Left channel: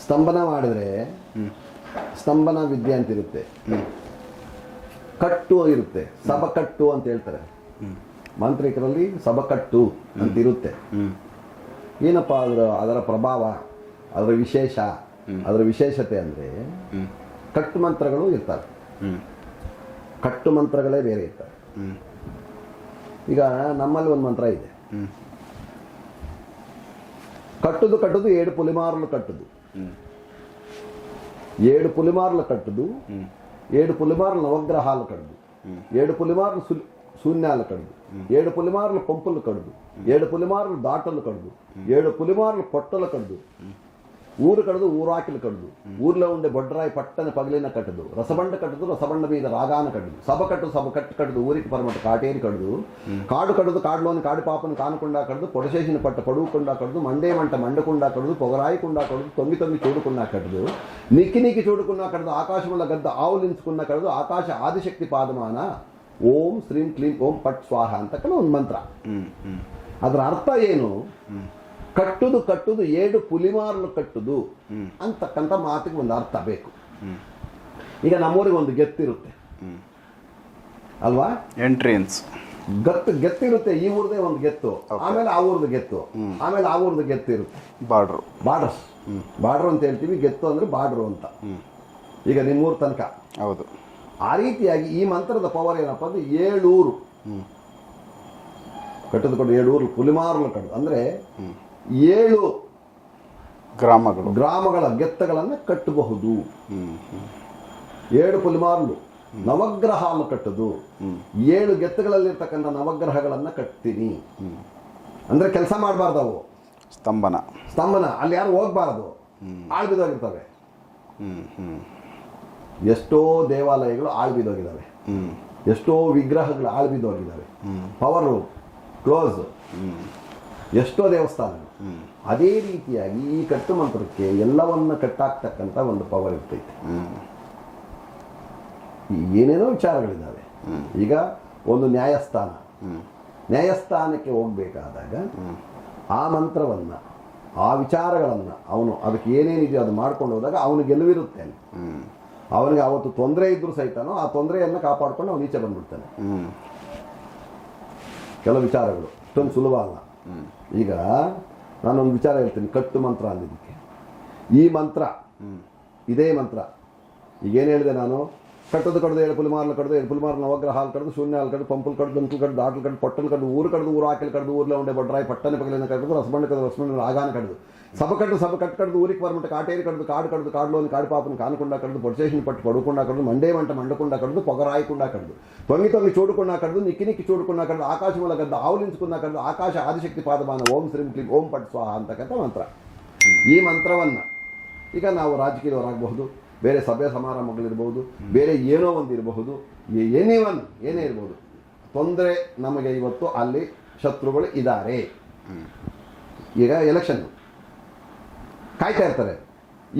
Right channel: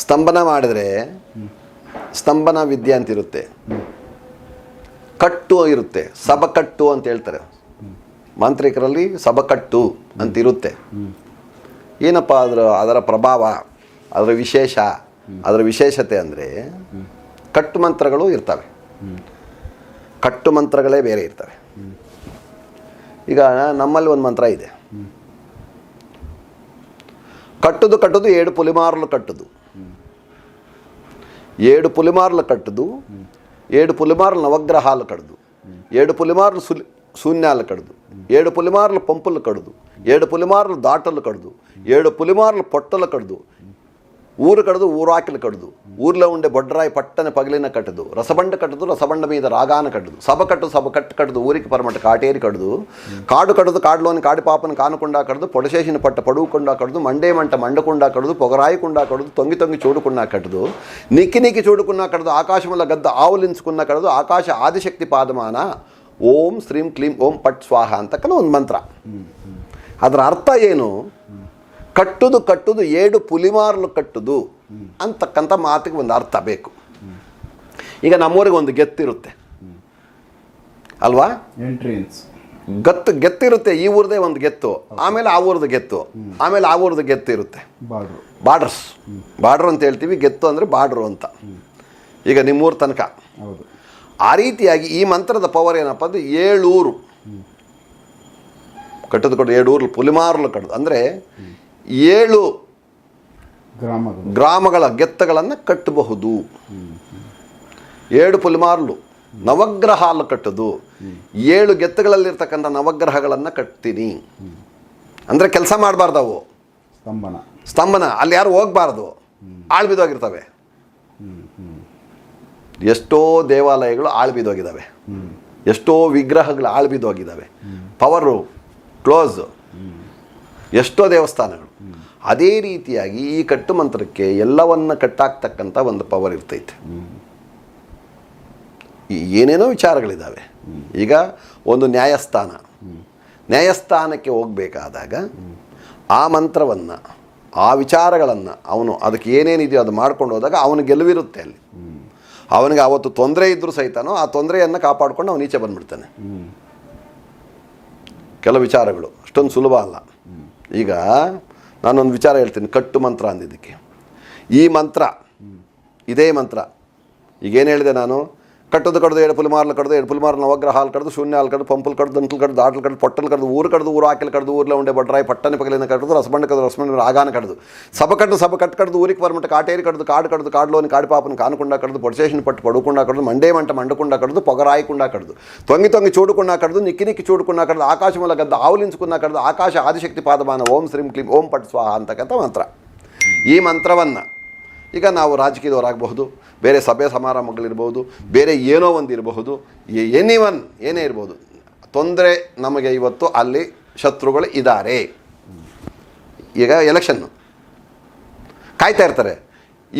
ಸ್ತಂಭನ ಮಾಡಿದ್ರೆ ಸ್ತಂಭನ ವಿದ್ಯೆ ಅಂತಿರುತ್ತೆ. ಕಟ್ಟು ಇರುತ್ತೆ. ಸಬಕಟ್ಟು ಅಂತ ಹೇಳ್ತಾರೆ. ಮಾಂತ್ರಿಕರಲ್ಲಿ ಸಬಕಟ್ಟು ಅಂತ ಇರುತ್ತೆ ಏನಪ್ಪ ಅದರ ಅದರ ಪ್ರಭಾವ ಅದರ ವಿಶೇಷ ಅದರ ವಿಶೇಷತೆ ಅಂದರೆ ಕಟ್ಟು ಮಂತ್ರಗಳು ಇರ್ತವೆ. ಕಟ್ಟು ಮಂತ್ರಗಳೇ ಬೇರೆ ಇರ್ತವೆ. ಈಗ ನಮ್ಮಲ್ಲಿ ಒಂದು ಮಂತ್ರ ಇದೆ. ಕಟ್ಟುದು ಕಟ್ಟುದು ಎರಡು ಪುಲಿಮಾರಲು ಕಟ್ಟುದು. ఏడు పులిమార్లు కట్టుదు ఏడు పులిమార్లు నవగ్రహాలు కడదు ఏడు పులిమార్లు శూన్యాలు కడదు ఏడు పులిమార్లు పంపులు కడదు ఏడు పులిమార్లు దాటలు కడదు ఏడు పులిమార్లు పొట్టలు కడదు ఊరు కడదు ఊరాకిలు కడదు ఊర్లో ఉండే బొడ్రాయి పట్టని పగిలిన కట్టదు రసబండ కట్టదు రసబండ మీద రాగాన కట్టదు సభ కట్టు సభ కట్టు కట్టదు ఊరికి పరమట కాటేరి కడదు కాడు కడదు కాడులోని కాడి పాపను కానకుండా కడదు పొడశేషిన పట్ట పడుకుండా కడదు మండేమంట మండకుండా కడదు పొగరాయకుండా కడదు తొంగి తొంగి చూడుకున్నా కట్టదు నిక్కి నిక్కి చూడుకున్నా కడదు ఆకాశముల గద్ద ఆవులించుకున్న కడదు ఆకాశ ఆదిశక్తి పాదమాన ಓಂ ಶ್ರೀಂ ಕ್ಲೀಂ ಓಂ ಪಟ್ ಸ್ವಾಹ ಅಂತಕ್ಕಂಥ ಒಂದು ಮಂತ್ರ ಅದರ ಅರ್ಥ ಏನು ಕಟ್ಟುದು ಕಟ್ಟುದು ಏಡು ಪುಲಿಮಾರ್ಲು ಕಟ್ಟುದು ಅಂತಕ್ಕಂಥ ಮಾತಿಗೆ ಒಂದು ಅರ್ಥ ಬೇಕು. ಈಗ ನಮ್ಮೂರಿಗೆ ಒಂದು ಗೆತ್ತಿರುತ್ತೆ. ಅಲ್ವಾ? ಎಂಟ್ರಿಯನ್ಸ್ ಗತ್ತು ಗೆತ್ತಿರುತ್ತೆ ಈ ಊರದೇ ಒಂದು ಗೆತ್ತು. ಆಮೇಲೆ ಆ ಊರದ ಗೆತ್ತು. ಆಮೇಲೆ ಆ ಊರದ ಗೆತ್ತು ಇರುತ್ತೆ ಬಾರ್ಡ್ರು ಬಾರ್ಡರ್ಸ್ ಬಾರ್ಡರ್ ಅಂತ ಹೇಳ್ತೀವಿ ಗೆತ್ತು ಅಂದರೆ ಬಾರ್ಡ್ರು ಅಂತ. ಈಗ ನಿಮ್ಮೂರ ತನಕ. ಹೌದು. ಆ ರೀತಿಯಾಗಿ ಈ ಮಂತ್ರದ ಪವರ್ ಏನಪ್ಪ ಅಂದರೆ ಏಳೂರು. ಕಟ್ಟದು ಕೊಟ್ಟು ಏಳೂರು ಪುಲಿಮಾರ್ಲು ಕಟ್ಟದು. ಅಂದರೆ ಏಳು ಗ್ರಾಮಗಳು. ಗ್ರಾಮಗಳ ಗೆತ್ತಗಳನ್ನು ಕಟ್ಟಬಹುದು. ಏಳು ಪುಲಿಮಾರ್ಲು. ನವಗ್ರಹಾಲು ಕಟ್ಟೋದು. ಏಳು ಗೆತ್ತಗಳಲ್ಲಿರ್ತಕ್ಕಂಥ ನವಗ್ರಹಗಳನ್ನು ಕಟ್ತೀನಿ. ಅಂದರೆ ಕೆಲಸ ಮಾಡಬಾರ್ದು ಅವು. ಸ್ತಂಭನ. ಸ್ತಂಭನ. ಅಲ್ಲಿ ಯಾರು ಹೋಗಬಾರ್ದು. ಆಳ್ಬಿದೋಗಿರ್ತವೆ ಎಷ್ಟೋ ದೇವಾಲಯಗಳು ಆಳ್ಬಿದೋಗಿದ್ದಾವೆ ಎಷ್ಟೋ ವಿಗ್ರಹಗಳು ಆಳ್ಬಿದೋಗಿದ್ದಾವೆ ಪವರು ಕ್ಲೋಸ್. ಎಷ್ಟೋ ದೇವಸ್ಥಾನಗಳು. ಅದೇ ರೀತಿಯಾಗಿ ಈ ಕಟ್ಟು ಮಂತ್ರಕ್ಕೆ ಎಲ್ಲವನ್ನ ಕಟ್ಟಾಕ್ತಕ್ಕಂಥ ಒಂದು ಪವರ್ ಇರ್ತೈತೆ. ಈ ಏನೇನೋ ವಿಚಾರಗಳಿದ್ದಾವೆ ಈಗ ಒಂದು ನ್ಯಾಯಸ್ಥಾನ. ನ್ಯಾಯಸ್ಥಾನಕ್ಕೆ ಹೋಗಬೇಕಾದಾಗ ಆ ಮಂತ್ರವನ್ನು ಆ ವಿಚಾರಗಳನ್ನು ಅವನು ಅದಕ್ಕೆ ಏನೇನಿದೆಯೋ ಅದು ಮಾಡ್ಕೊಂಡು ಹೋದಾಗ ಅವನು ಗೆಲುವಿರುತ್ತೆ ಅಲ್ಲಿ. ಅವನಿಗೆ ಅವತ್ತು ತೊಂದರೆ ಇದ್ದರೂ ಸಹಿತನೋ ಆ ತೊಂದರೆಯನ್ನು ಕಾಪಾಡ್ಕೊಂಡು ಅವನು ಈಚೆ ಬಂದ್ಬಿಡ್ತಾನೆ. ಕೆಲವು ವಿಚಾರಗಳು ಅಷ್ಟೊಂದು ಸುಲಭ ಅಲ್ಲ. ಈಗ ನಾನೊಂದು ವಿಚಾರ ಹೇಳ್ತೀನಿ ಕಟ್ಟು ಮಂತ್ರ ಅಂದಿದ್ದಕ್ಕೆ. ಈ ಮಂತ್ರ ಇದೇ ಮಂತ್ರ. ಈಗೇನು ಹೇಳಿದೆ ನಾನು? కట్టదు కడదు ఏడు పులిమార్లు కడదు ఏడు పులిమార్లు నవగ్రహాలు కడదు శూన్యాలు కడదు పంపులు కడదు దంతులు కడదు దాటలు కడదు పొట్టలు కడదు ఊరు కడదు ఊరు ఆకలి కడదు ఊరిలో ఉండే బట్రాయి పట్టని పగిలిన కడదు రసబండి కదా రసబండి రాగాన కడదు. సభ కట్టు సభ కట్టు కడదు ఊరికి పరమట కాటేరి కడదు కాడు కడదు కాడులోని కాడిపాపను కానుకుండా కడదు పొడిచేసిన పట్టు పడుకుండా కడదు మండేమంట మండకుండా కడదు పొగ రాయకుండా కడదు. తొంగి తొంగి చూడకుండా కడదు నిక్కి నిక్కి చూడకుండా కడదు ఆకాశంలో గద్ద ఆవులించుకున్నా కడదు ఆకాశ ఆదిశక్తి పాదమాన ఓం శ్రీం క్లీం ఓం పట్ స్వాహ ಅಂತಕ್ಕಂಥ ಮಂತ್ರ ಈ ఇక నావు రాజకీయ ರಾಜಕೀಯದವರಾಗಬಹುದು ಬೇರೆ ಸಭೆ ಸಮಾರಂಭಗಳಿರ್ಬೋದು ಬೇರೆ ಏನೋ ಒಂದು ಇರಬಹುದು ಎನಿ ಒನ್ ಏನೇ ಇರ್ಬೋದು. ತೊಂದರೆ ನಮಗೆ ಇವತ್ತು ಅಲ್ಲಿ ಶತ್ರುಗಳು ಇದ್ದಾರೆ ಈಗ ಎಲೆಕ್ಷನ್ನು ಕಾಯ್ತಾ ಇರ್ತಾರೆ.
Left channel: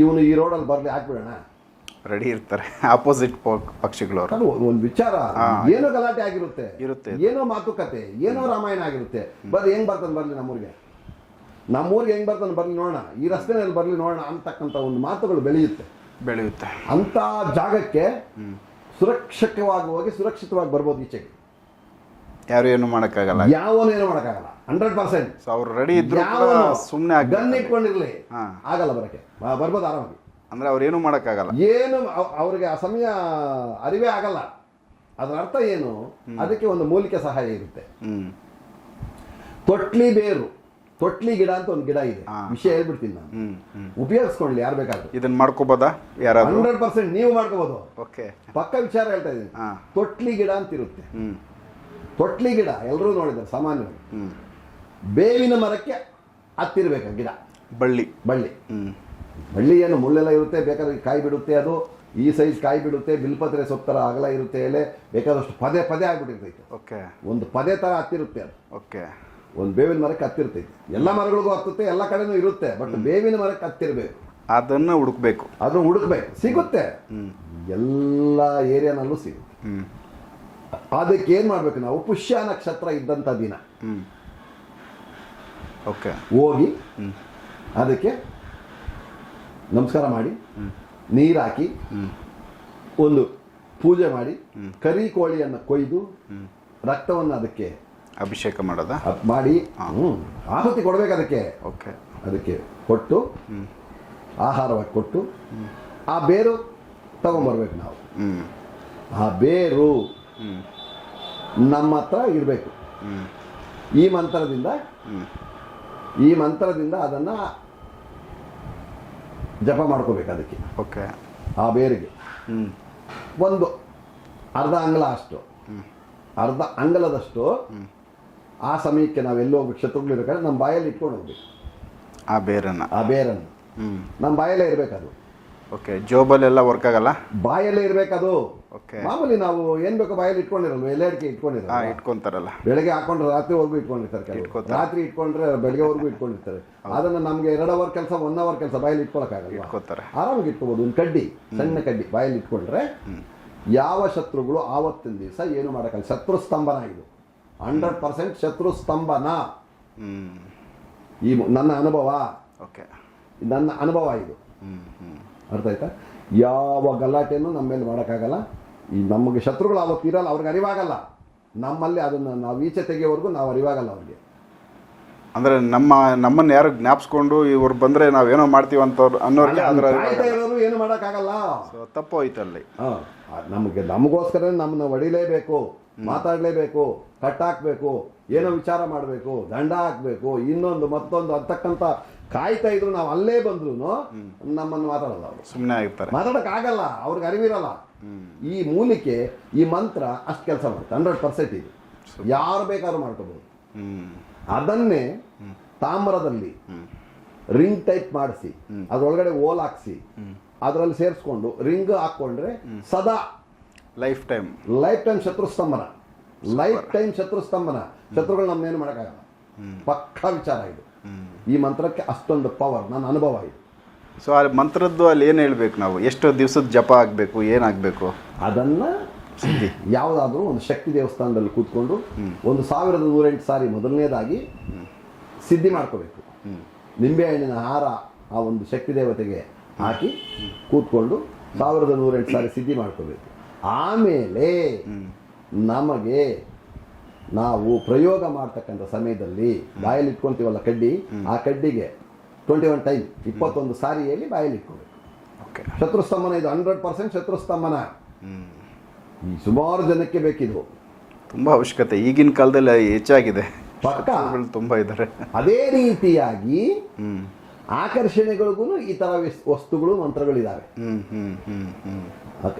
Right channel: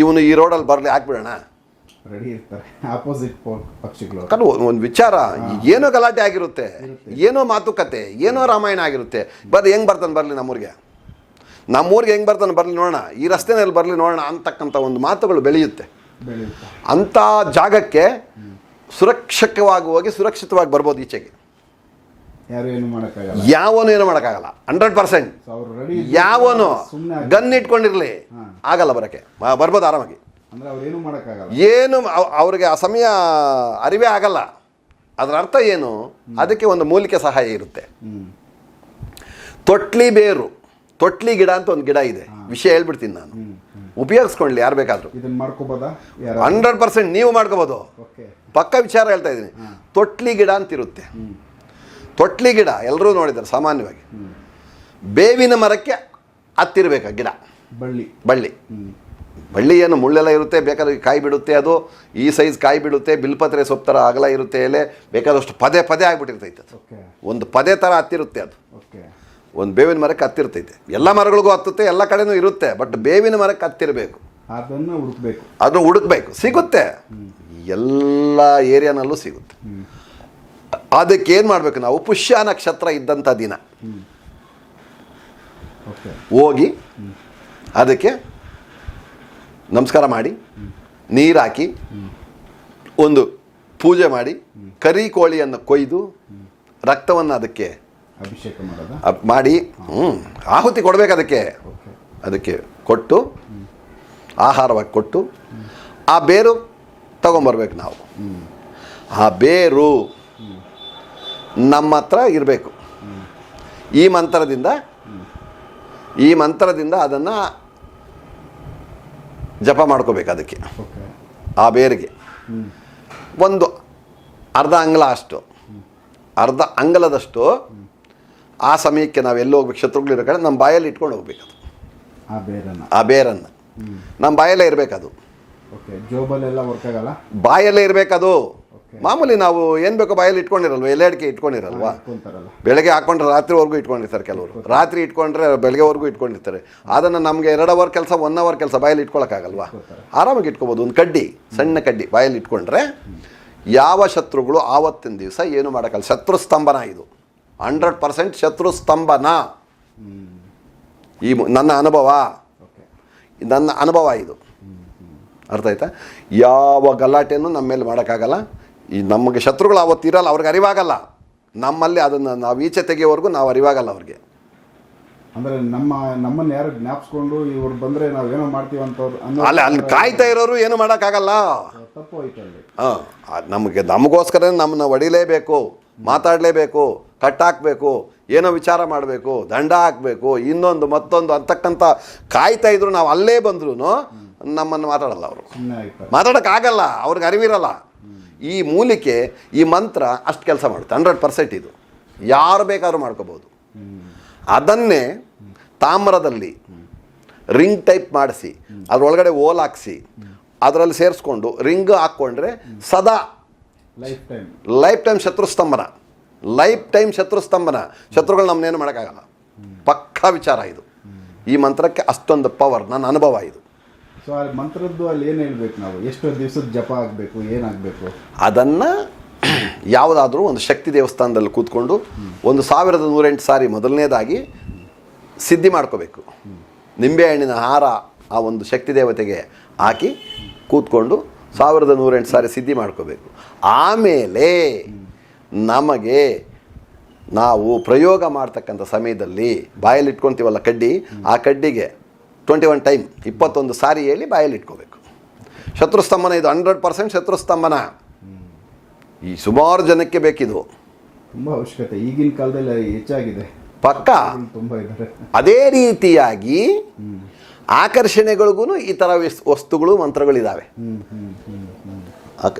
ಇವನು ಈ ರೋಡಲ್ಲಿ ಬರಲಿ ಹಾಕ್ಬಿಡೋಣ ರೆಡಿ ಇರ್ತಾರೆ. ಆಪೋಸಿಟ್ ಪಕ್ಷಿಗಳು. ಒಂದು ವಿಚಾರ. ಏನೋ ಗಲಾಟೆ ಆಗಿರುತ್ತೆ. ಇರುತ್ತೆ. ಏನೋ ಮಾತುಕತೆ ಏನೋ ರಾಮಾಯಣ ಆಗಿರುತ್ತೆ. ಬರ್ ಹೆಂಗೆ ಬರ್ತಾನೆ ಬರಲಿ ನಮ್ಮೂರಿಗೆ? ನಮ್ಮೂರಿಗೆ ಹೆಂಗೆ ಬರ್ತಾನೆ ಬರಲಿ ನೋಡೋಣ. ಈ ರಸ್ತೆನಲ್ಲಿ ಬರಲಿ ನೋಡೋಣ ಅಂತಕ್ಕಂಥ ಒಂದು ಮಾತುಗಳು ಬೆಳೆಯುತ್ತೆ. ಬೆಳೆಯುತ್ತೆ. ಅಂಥ ಜಾಗಕ್ಕೆ ಸುರಕ್ಷಕವಾಗಿ ಹೋಗಿ ಸುರಕ್ಷಿತವಾಗಿ ಬರ್ಬೋದು ಈಚೆಗೆ. ಯಾರು ಏನು ಮಾಡೋಕ್ಕಾಗಲ್ಲ. ಯಾವನು ಏನು ಮಾಡೋಕ್ಕಾಗಲ್ಲ. Hundred percent. ಅವ್ರು ರೆಡಿ ಯಾವನು ಸುಮ್ಮನೆ ಗನ್ ಇಟ್ಕೊಂಡಿರಲಿ. ಆಗಲ್ಲ ಬರೋಕ್ಕೆ. ಬರ್ಬೋದು ಆರಾಮಾಗಿ. ಅಂದರೆ ಅವ್ರು ಏನು ಮಾಡೋಕ್ಕಾಗಲ್ಲ. ಏನು ಅವ್- ಅವ್ರಿಗೆ ಆ ಸಮಯ ಅರಿವೇ ಆಗಲ್ಲ. ಅದರ ಅರ್ಥ ಏನು? ಅದಕ್ಕೆ ಒಂದು ಮೂಲಿಕೆ ಸಹಾಯ ಇರುತ್ತೆ. ತೊಟ್ಲಿ ಬೇರು. ತೊಟ್ಲಿ ಗಿಡ ಅಂತ ಒಂದು ಗಿಡ ಇದೆ. ವಿಷಯ ಹೇಳ್ಬಿಡ್ತೀನಿ ನಾನು. ಉಪಯೋಗಿಸ್ಕೊಳ್ಳಿ ಯಾರು ಬೇಕಾದರೂ. ಇದನ್ನ ಮಾಡ್ಕೋಬೋದಾ? ಯಾರು ಹಂಡ್ರೆಡ್ ಪರ್ಸೆಂಟ್ ನೀವು ಮಾಡ್ಕೋಬೋದು. ಓಕೆ. ಪಕ್ಕ ವಿಚಾರ ಹೇಳ್ತಾ ಇದ್ದೀನಿ. ತೊಟ್ಲಿ ಗಿಡ ಅಂತ ಇರುತ್ತೆ ಹ್ಮ್. ತೊಟ್ಲಿ ಗಿಡ ಎಲ್ಲರೂ ನೋಡಿದ್ದಾರೆ ಸಾಮಾನ್ಯವಾಗಿ. ಬೇವಿನ ಮರಕ್ಕೆ ಹತ್ತಿರಬೇಕು ಗಿಡ? ಬಳ್ಳಿ. ಬಳ್ಳಿ. ಬಳ್ಳಿ ಏನು ಮುಳ್ಳೆಲ್ಲ ಇರುತ್ತೆ ಬೇಕಾದ್ರೆ ಕಾಯಿ ಬಿಡುತ್ತೆ ಅದು ಈ ಸೈಜ್ ಕಾಯಿ ಬಿಡುತ್ತೆ ಬಿಲ್ಪತ್ರೆ ಸೊಪ್ಪು ಥರ ಅಗಲ ಇರುತ್ತೆ ಎಲೆ ಬೇಕಾದಷ್ಟು ಪದೇ ಪದೇ ಆಗಿಬಿಟ್ಟಿರ್ತೈತೆ ಓಕೆ. ಒಂದು ಪದೇ ಥರ ಹತ್ತಿರುತ್ತೆ ಅದು. ಓಕೆ. ಒಂದು ಬೇವಿನ ಮರಕ್ಕೆ ಹತ್ತಿರ್ತೈತೆ ಎಲ್ಲ ಮರಗಳಿಗೂ ಹತ್ತುತ್ತೆ ಎಲ್ಲ ಕಡೆನೂ ಇರುತ್ತೆ ಬಟ್ ಬೇವಿನ ಮರಕ್ಕೆ ಹತ್ತಿರಬೇಕು ಅದನ್ನು ಹುಡುಕ್ಬೇಕು. ಅದನ್ನು ಹುಡುಕ್ಬೇಕು. ಸಿಗುತ್ತೆ. ಎಲ್ಲ ಏರಿಯಾನಲ್ಲೂ ಸಿಗುತ್ತೆ. ಅದಕ್ಕೆ ಏನು ಮಾಡಬೇಕು ನಾವು? ಪುಷ್ಯ ನಕ್ಷತ್ರ ಇದ್ದಂಥ ದಿನ. ಓಕೆ. ಹೋಗಿ ಅದಕ್ಕೆ ನಮಸ್ಕಾರ ಮಾಡಿ ನೀರು ಹಾಕಿ ಒಂದು ಪೂಜೆ ಮಾಡಿ ಕರಿ ಕೋಳಿಯನ್ನು ಕೊಯ್ದು ರಕ್ತವನ್ನು ಅದಕ್ಕೆ ಅಭಿಷೇಕ ಮಾಡೋದ? ಮಾಡಿ ಆಹುತಿ ಕೊಡಬೇಕು ಅದಕ್ಕೆ. ಓಕೆ. ಅದಕ್ಕೆ ಕೊಟ್ಟು ಆಹಾರವಾಗಿ ಕೊಟ್ಟು ಆ ಬೇರು ತಗೊಂಬರ್ಬೇಕು ನಾವು. ಹ್ಞೂ ಆ ಬೇರು ನಮ್ಮ ಹತ್ರ ಇರಬೇಕು. ಈ ಮಂತ್ರದಿಂದ ಈ ಮಂತ್ರದಿಂದ ಅದನ್ನು ಜಪ ಮಾಡ್ಕೋಬೇಕು ಅದಕ್ಕೆ. ಓಕೆ. ಆ ಬೇರಿಗೆ. ಒಂದು ಅರ್ಧ ಅಂಗಲ ಅಷ್ಟು. ಅರ್ಧ ಅಂಗಲದಷ್ಟು ಆ ಸಮಯಕ್ಕೆ ನಾವು ಎಲ್ಲಿ ಹೋಗ್ಬೇಕು? ಶತ್ರುಗಳು ಇರೋ ಕಡೆ ನಮ್ಮ ಬಾಯಲ್ಲಿ ಇಟ್ಕೊಂಡು ಹೋಗ್ಬೇಕು ಅದು. ಆ ಬೇರನ್ನು. ಆ ಬೇರನ್ನು. ನಮ್ಮ ಬಾಯಲ್ಲೇ ಇರಬೇಕದು. ಓಕೆ ಜೋಬಲ್ಲೆಲ್ಲ ವರ್ಕ್ ಆಗಲ್ಲ? ಬಾಯಲ್ಲೇ ಇರಬೇಕದು. ಓಕೆ ಮಾಮೂಲಿ ನಾವು ಏನು ಬೇಕೋ ಬಾಯಲ್ಲಿ ಇಟ್ಕೊಂಡಿರಲ್ವ? ಎಲೆ ಅಡಿಕೆ ಹಾಂ ಇಟ್ಕೊಂಡಿರಲ್ವ? ಇಟ್ಕೊಂತಾರಲ್ಲ. ಬೆಳಗ್ಗೆ ಹಾಕೊಂಡ್ರೆ ರಾತ್ರಿವರೆಗೂ ಇಟ್ಕೊಂಡಿರ್ತಾರೆ ಕೆಲವರು. ರಾತ್ರಿ ಇಟ್ಕೊಂಡ್ರೆ ಬೆಳಗ್ಗೆವರೆಗೂ ಇಟ್ಕೊಂಡಿರ್ತಾರೆ. ಅದನ್ನು ನಮಗೆ ಎರಡು ಅವರ್ ಕೆಲಸ ಒನ್ ಅವರ್ ಕೆಲಸ ಬಾಯಲ್ಲಿ ಇಟ್ಕೊಳಕ್ಕಾಗಲ್ವಾ? ಆರಾಮಾಗಿ ಇಟ್ಕೋಬೋದು. ಒಂದು ಕಡ್ಡಿ ಸಣ್ಣ ಕಡ್ಡಿ ಬಾಯಲ್ಲಿ ಇಟ್ಕೊಂಡ್ರೆ ಯಾವ ಶತ್ರುಗಳು ಆವತ್ತಿನ ದಿವಸ ಏನು ಮಾಡೋಕ್ಕಲ್ಲ? ಶತ್ರು ಸ್ತಂಭನ ಇದು. ಹಂಡ್ರೆಡ್ ಪರ್ಸೆಂಟ್ ಶತ್ರು ಸ್ತಂಭನ. ಹ್ಞೂ ಈ ನನ್ನ ಅನುಭವ. ಓಕೆ. ನನ್ನ ಅನುಭವ ಇದು. ಹ್ಞೂ ಹ್ಞೂ ಅರ್ಥ ಆಯ್ತಾ? ಯಾವ ಗಲಾಟೆಯನ್ನು ನಮ್ಮ ಮೇಲೆ ಮಾಡೋಕ್ಕಾಗಲ್ಲ. ಈ ನಮಗೆ ಶತ್ರುಗಳು ಅವತ್ತಿರಲ್ಲ ಅವ್ರಿಗೆ ಅರಿವಾಗಲ್ಲ. ನಮ್ಮಲ್ಲಿ ಅದನ್ನು ನಾವು ಈಚೆ ತೆಗೆಯೋವರೆಗೂ ನಾವು ಅರಿವಾಗಲ್ಲ ಅವ್ರಿಗೆ. ಅಂದರೆ ನಮ್ಮ ನಮ್ಮನ್ನು ಯಾರು ಜ್ಞಾಪಿಸ್ಕೊಂಡು ಇವ್ರು ಬಂದರೆ ನಾವೇನೋ ಮಾಡ್ತೀವಿ ಅಂತವ್ರು ಅನ್ನೋ ಅಲ್ಲ ಅಲ್ಲಿ ಕಾಯ್ತಾ ಇರೋರು ಏನು ಮಾಡೋಕ್ಕಾಗಲ್ಲ. ತಪ್ಪು ಹೋಯ್ತಲ್ಲಿ ಹಾಂ ನಮಗೆ ನಮಗೋಸ್ಕರ ನಮ್ಮನ್ನ ಹೊಡಿಲೇಬೇಕು ಮಾತಾಡಲೇಬೇಕು. ಕಟ್ಟಾಕಬೇಕು ಏನೋ ವಿಚಾರ ಮಾಡಬೇಕು ದಂಡ ಹಾಕಬೇಕು ಇನ್ನೊಂದು ಮತ್ತೊಂದು ಅಂತಕ್ಕಂಥ ಕಾಯ್ತಾ ಇದ್ರು ನಾವು ಅಲ್ಲೇ ಬಂದ್ರು ನಮ್ಮನ್ನು ಮಾತಾಡಲ್ಲ ಅವರು. ಸುಮ್ಮನೆ ಆಗಲ್ಲ ಮಾತಾಡೋಕ್ಕಾಗಲ್ಲ ಅವ್ರಿಗೆ ಅರಿವಿರಲ್ಲ. ಈ ಮೂಲಿಕೆ ಈ ಮಂತ್ರ ಅಷ್ಟು ಕೆಲಸ ಮಾಡುತ್ತೆ. ಹಂಡ್ರೆಡ್ ಪರ್ಸೆಂಟ್ ಇದು. ಯಾರು ಬೇಕಾದ್ರೂ ಮಾಡ್ಕೋಬೋದು. ಅದನ್ನೇ ತಾಮ್ರದಲ್ಲಿ ರಿಂಗ್ ಟೈಪ್ ಮಾಡಿಸಿ ಅದರೊಳಗಡೆ ಓಲ್ ಹಾಕ್ಸಿ ಅದರಲ್ಲಿ ಸೇರಿಸ್ಕೊಂಡು ರಿಂಗ್ ಹಾಕ್ಕೊಂಡ್ರೆ ಸದಾ ಲೈಫ್ ಟೈಮ್. ಲೈಫ್ ಟೈಮ್ ಶತ್ರು ಸ್ತಂಭನ. ಲೈಫ್ ಟೈಮ್ ಶತ್ರು ಸ್ತಂಭನ ಶತ್ರುಗಳು ನಮ್ಮನ್ನೇನು ಮಾಡೋಕ್ಕಾಗಲ್ಲ. ಪಕ್ಕಾ ವಿಚಾರ ಇದು. ಈ ಮಂತ್ರಕ್ಕೆ ಅಷ್ಟೊಂದು ಪವರ್ ನನ್ನ ಅನುಭವ ಇದು. ಸೊ ಆ ಮಂತ್ರದ್ದು ಅಲ್ಲಿ ಏನು ಹೇಳಬೇಕು ನಾವು? ಎಷ್ಟು ದಿವಸದ ಜಪ ಆಗಬೇಕು ಏನಾಗಬೇಕು ಅದನ್ನು ಯಾವುದಾದ್ರೂ ಒಂದು ಶಕ್ತಿ ದೇವಸ್ಥಾನದಲ್ಲಿ ಕೂತ್ಕೊಂಡು ಒಂದು ಸಾವಿರದ ನೂರೆಂಟು ಸಾರಿ ಮೊದಲನೇದಾಗಿ ಸಿದ್ಧಿ ಮಾಡ್ಕೋಬೇಕು. ನಿಂಬೆಹಣ್ಣಿನ ಹಾರ ಆ ಒಂದು ಶಕ್ತಿ ದೇವತೆಗೆ ಹಾಕಿ ಕೂತ್ಕೊಂಡು ಸಾವಿರದ ನೂರೆಂಟು ಸಾರಿ ಸಿದ್ಧಿ ಮಾಡ್ಕೋಬೇಕು. ಆಮೇಲೆ ನಮಗೆ ನಾವು ಪ್ರಯೋಗ ಮಾಡ್ತಕ್ಕಂಥ ಸಮಯದಲ್ಲಿ ಬಾಯಲ್ಲಿ ಇಟ್ಕೊತೀವಲ್ಲ ಕಡ್ಡಿ ಆ ಕಡ್ಡಿಗೆ ಟ್ವೆಂಟಿ ಒನ್ ಟೈಮ್ ಇಪ್ಪತ್ತೊಂದು ಸಾರಿ ಹೇಳಿ ಬಾಯಲ್ಲಿ ಇಟ್ಕೋಬೇಕು ಶತ್ರುಸ್ತಂಭನ ಇದು ಹಂಡ್ರೆಡ್ ಪರ್ಸೆಂಟ್ ಶತ್ರುಸ್ತಂಭನ. ಈ ಸುಮಾರು ಜನಕ್ಕೆ ಬೇಕಿದು. ತುಂಬ ಅವಶ್ಯಕತೆ. ಈಗಿನ ಕಾಲದಲ್ಲಿ ಹೆಚ್ಚಾಗಿದೆ. ಪಕ್ಕ. ತುಂಬ ಇದ್ದಾರೆ. ಅದೇ ರೀತಿಯಾಗಿ ಆಕರ್ಷಣೆಗಳಿಗೂ ಈ ಥರ ವಿಸ್- ವಸ್ತುಗಳು ಮಂತ್ರಗಳಿದ್ದಾವೆ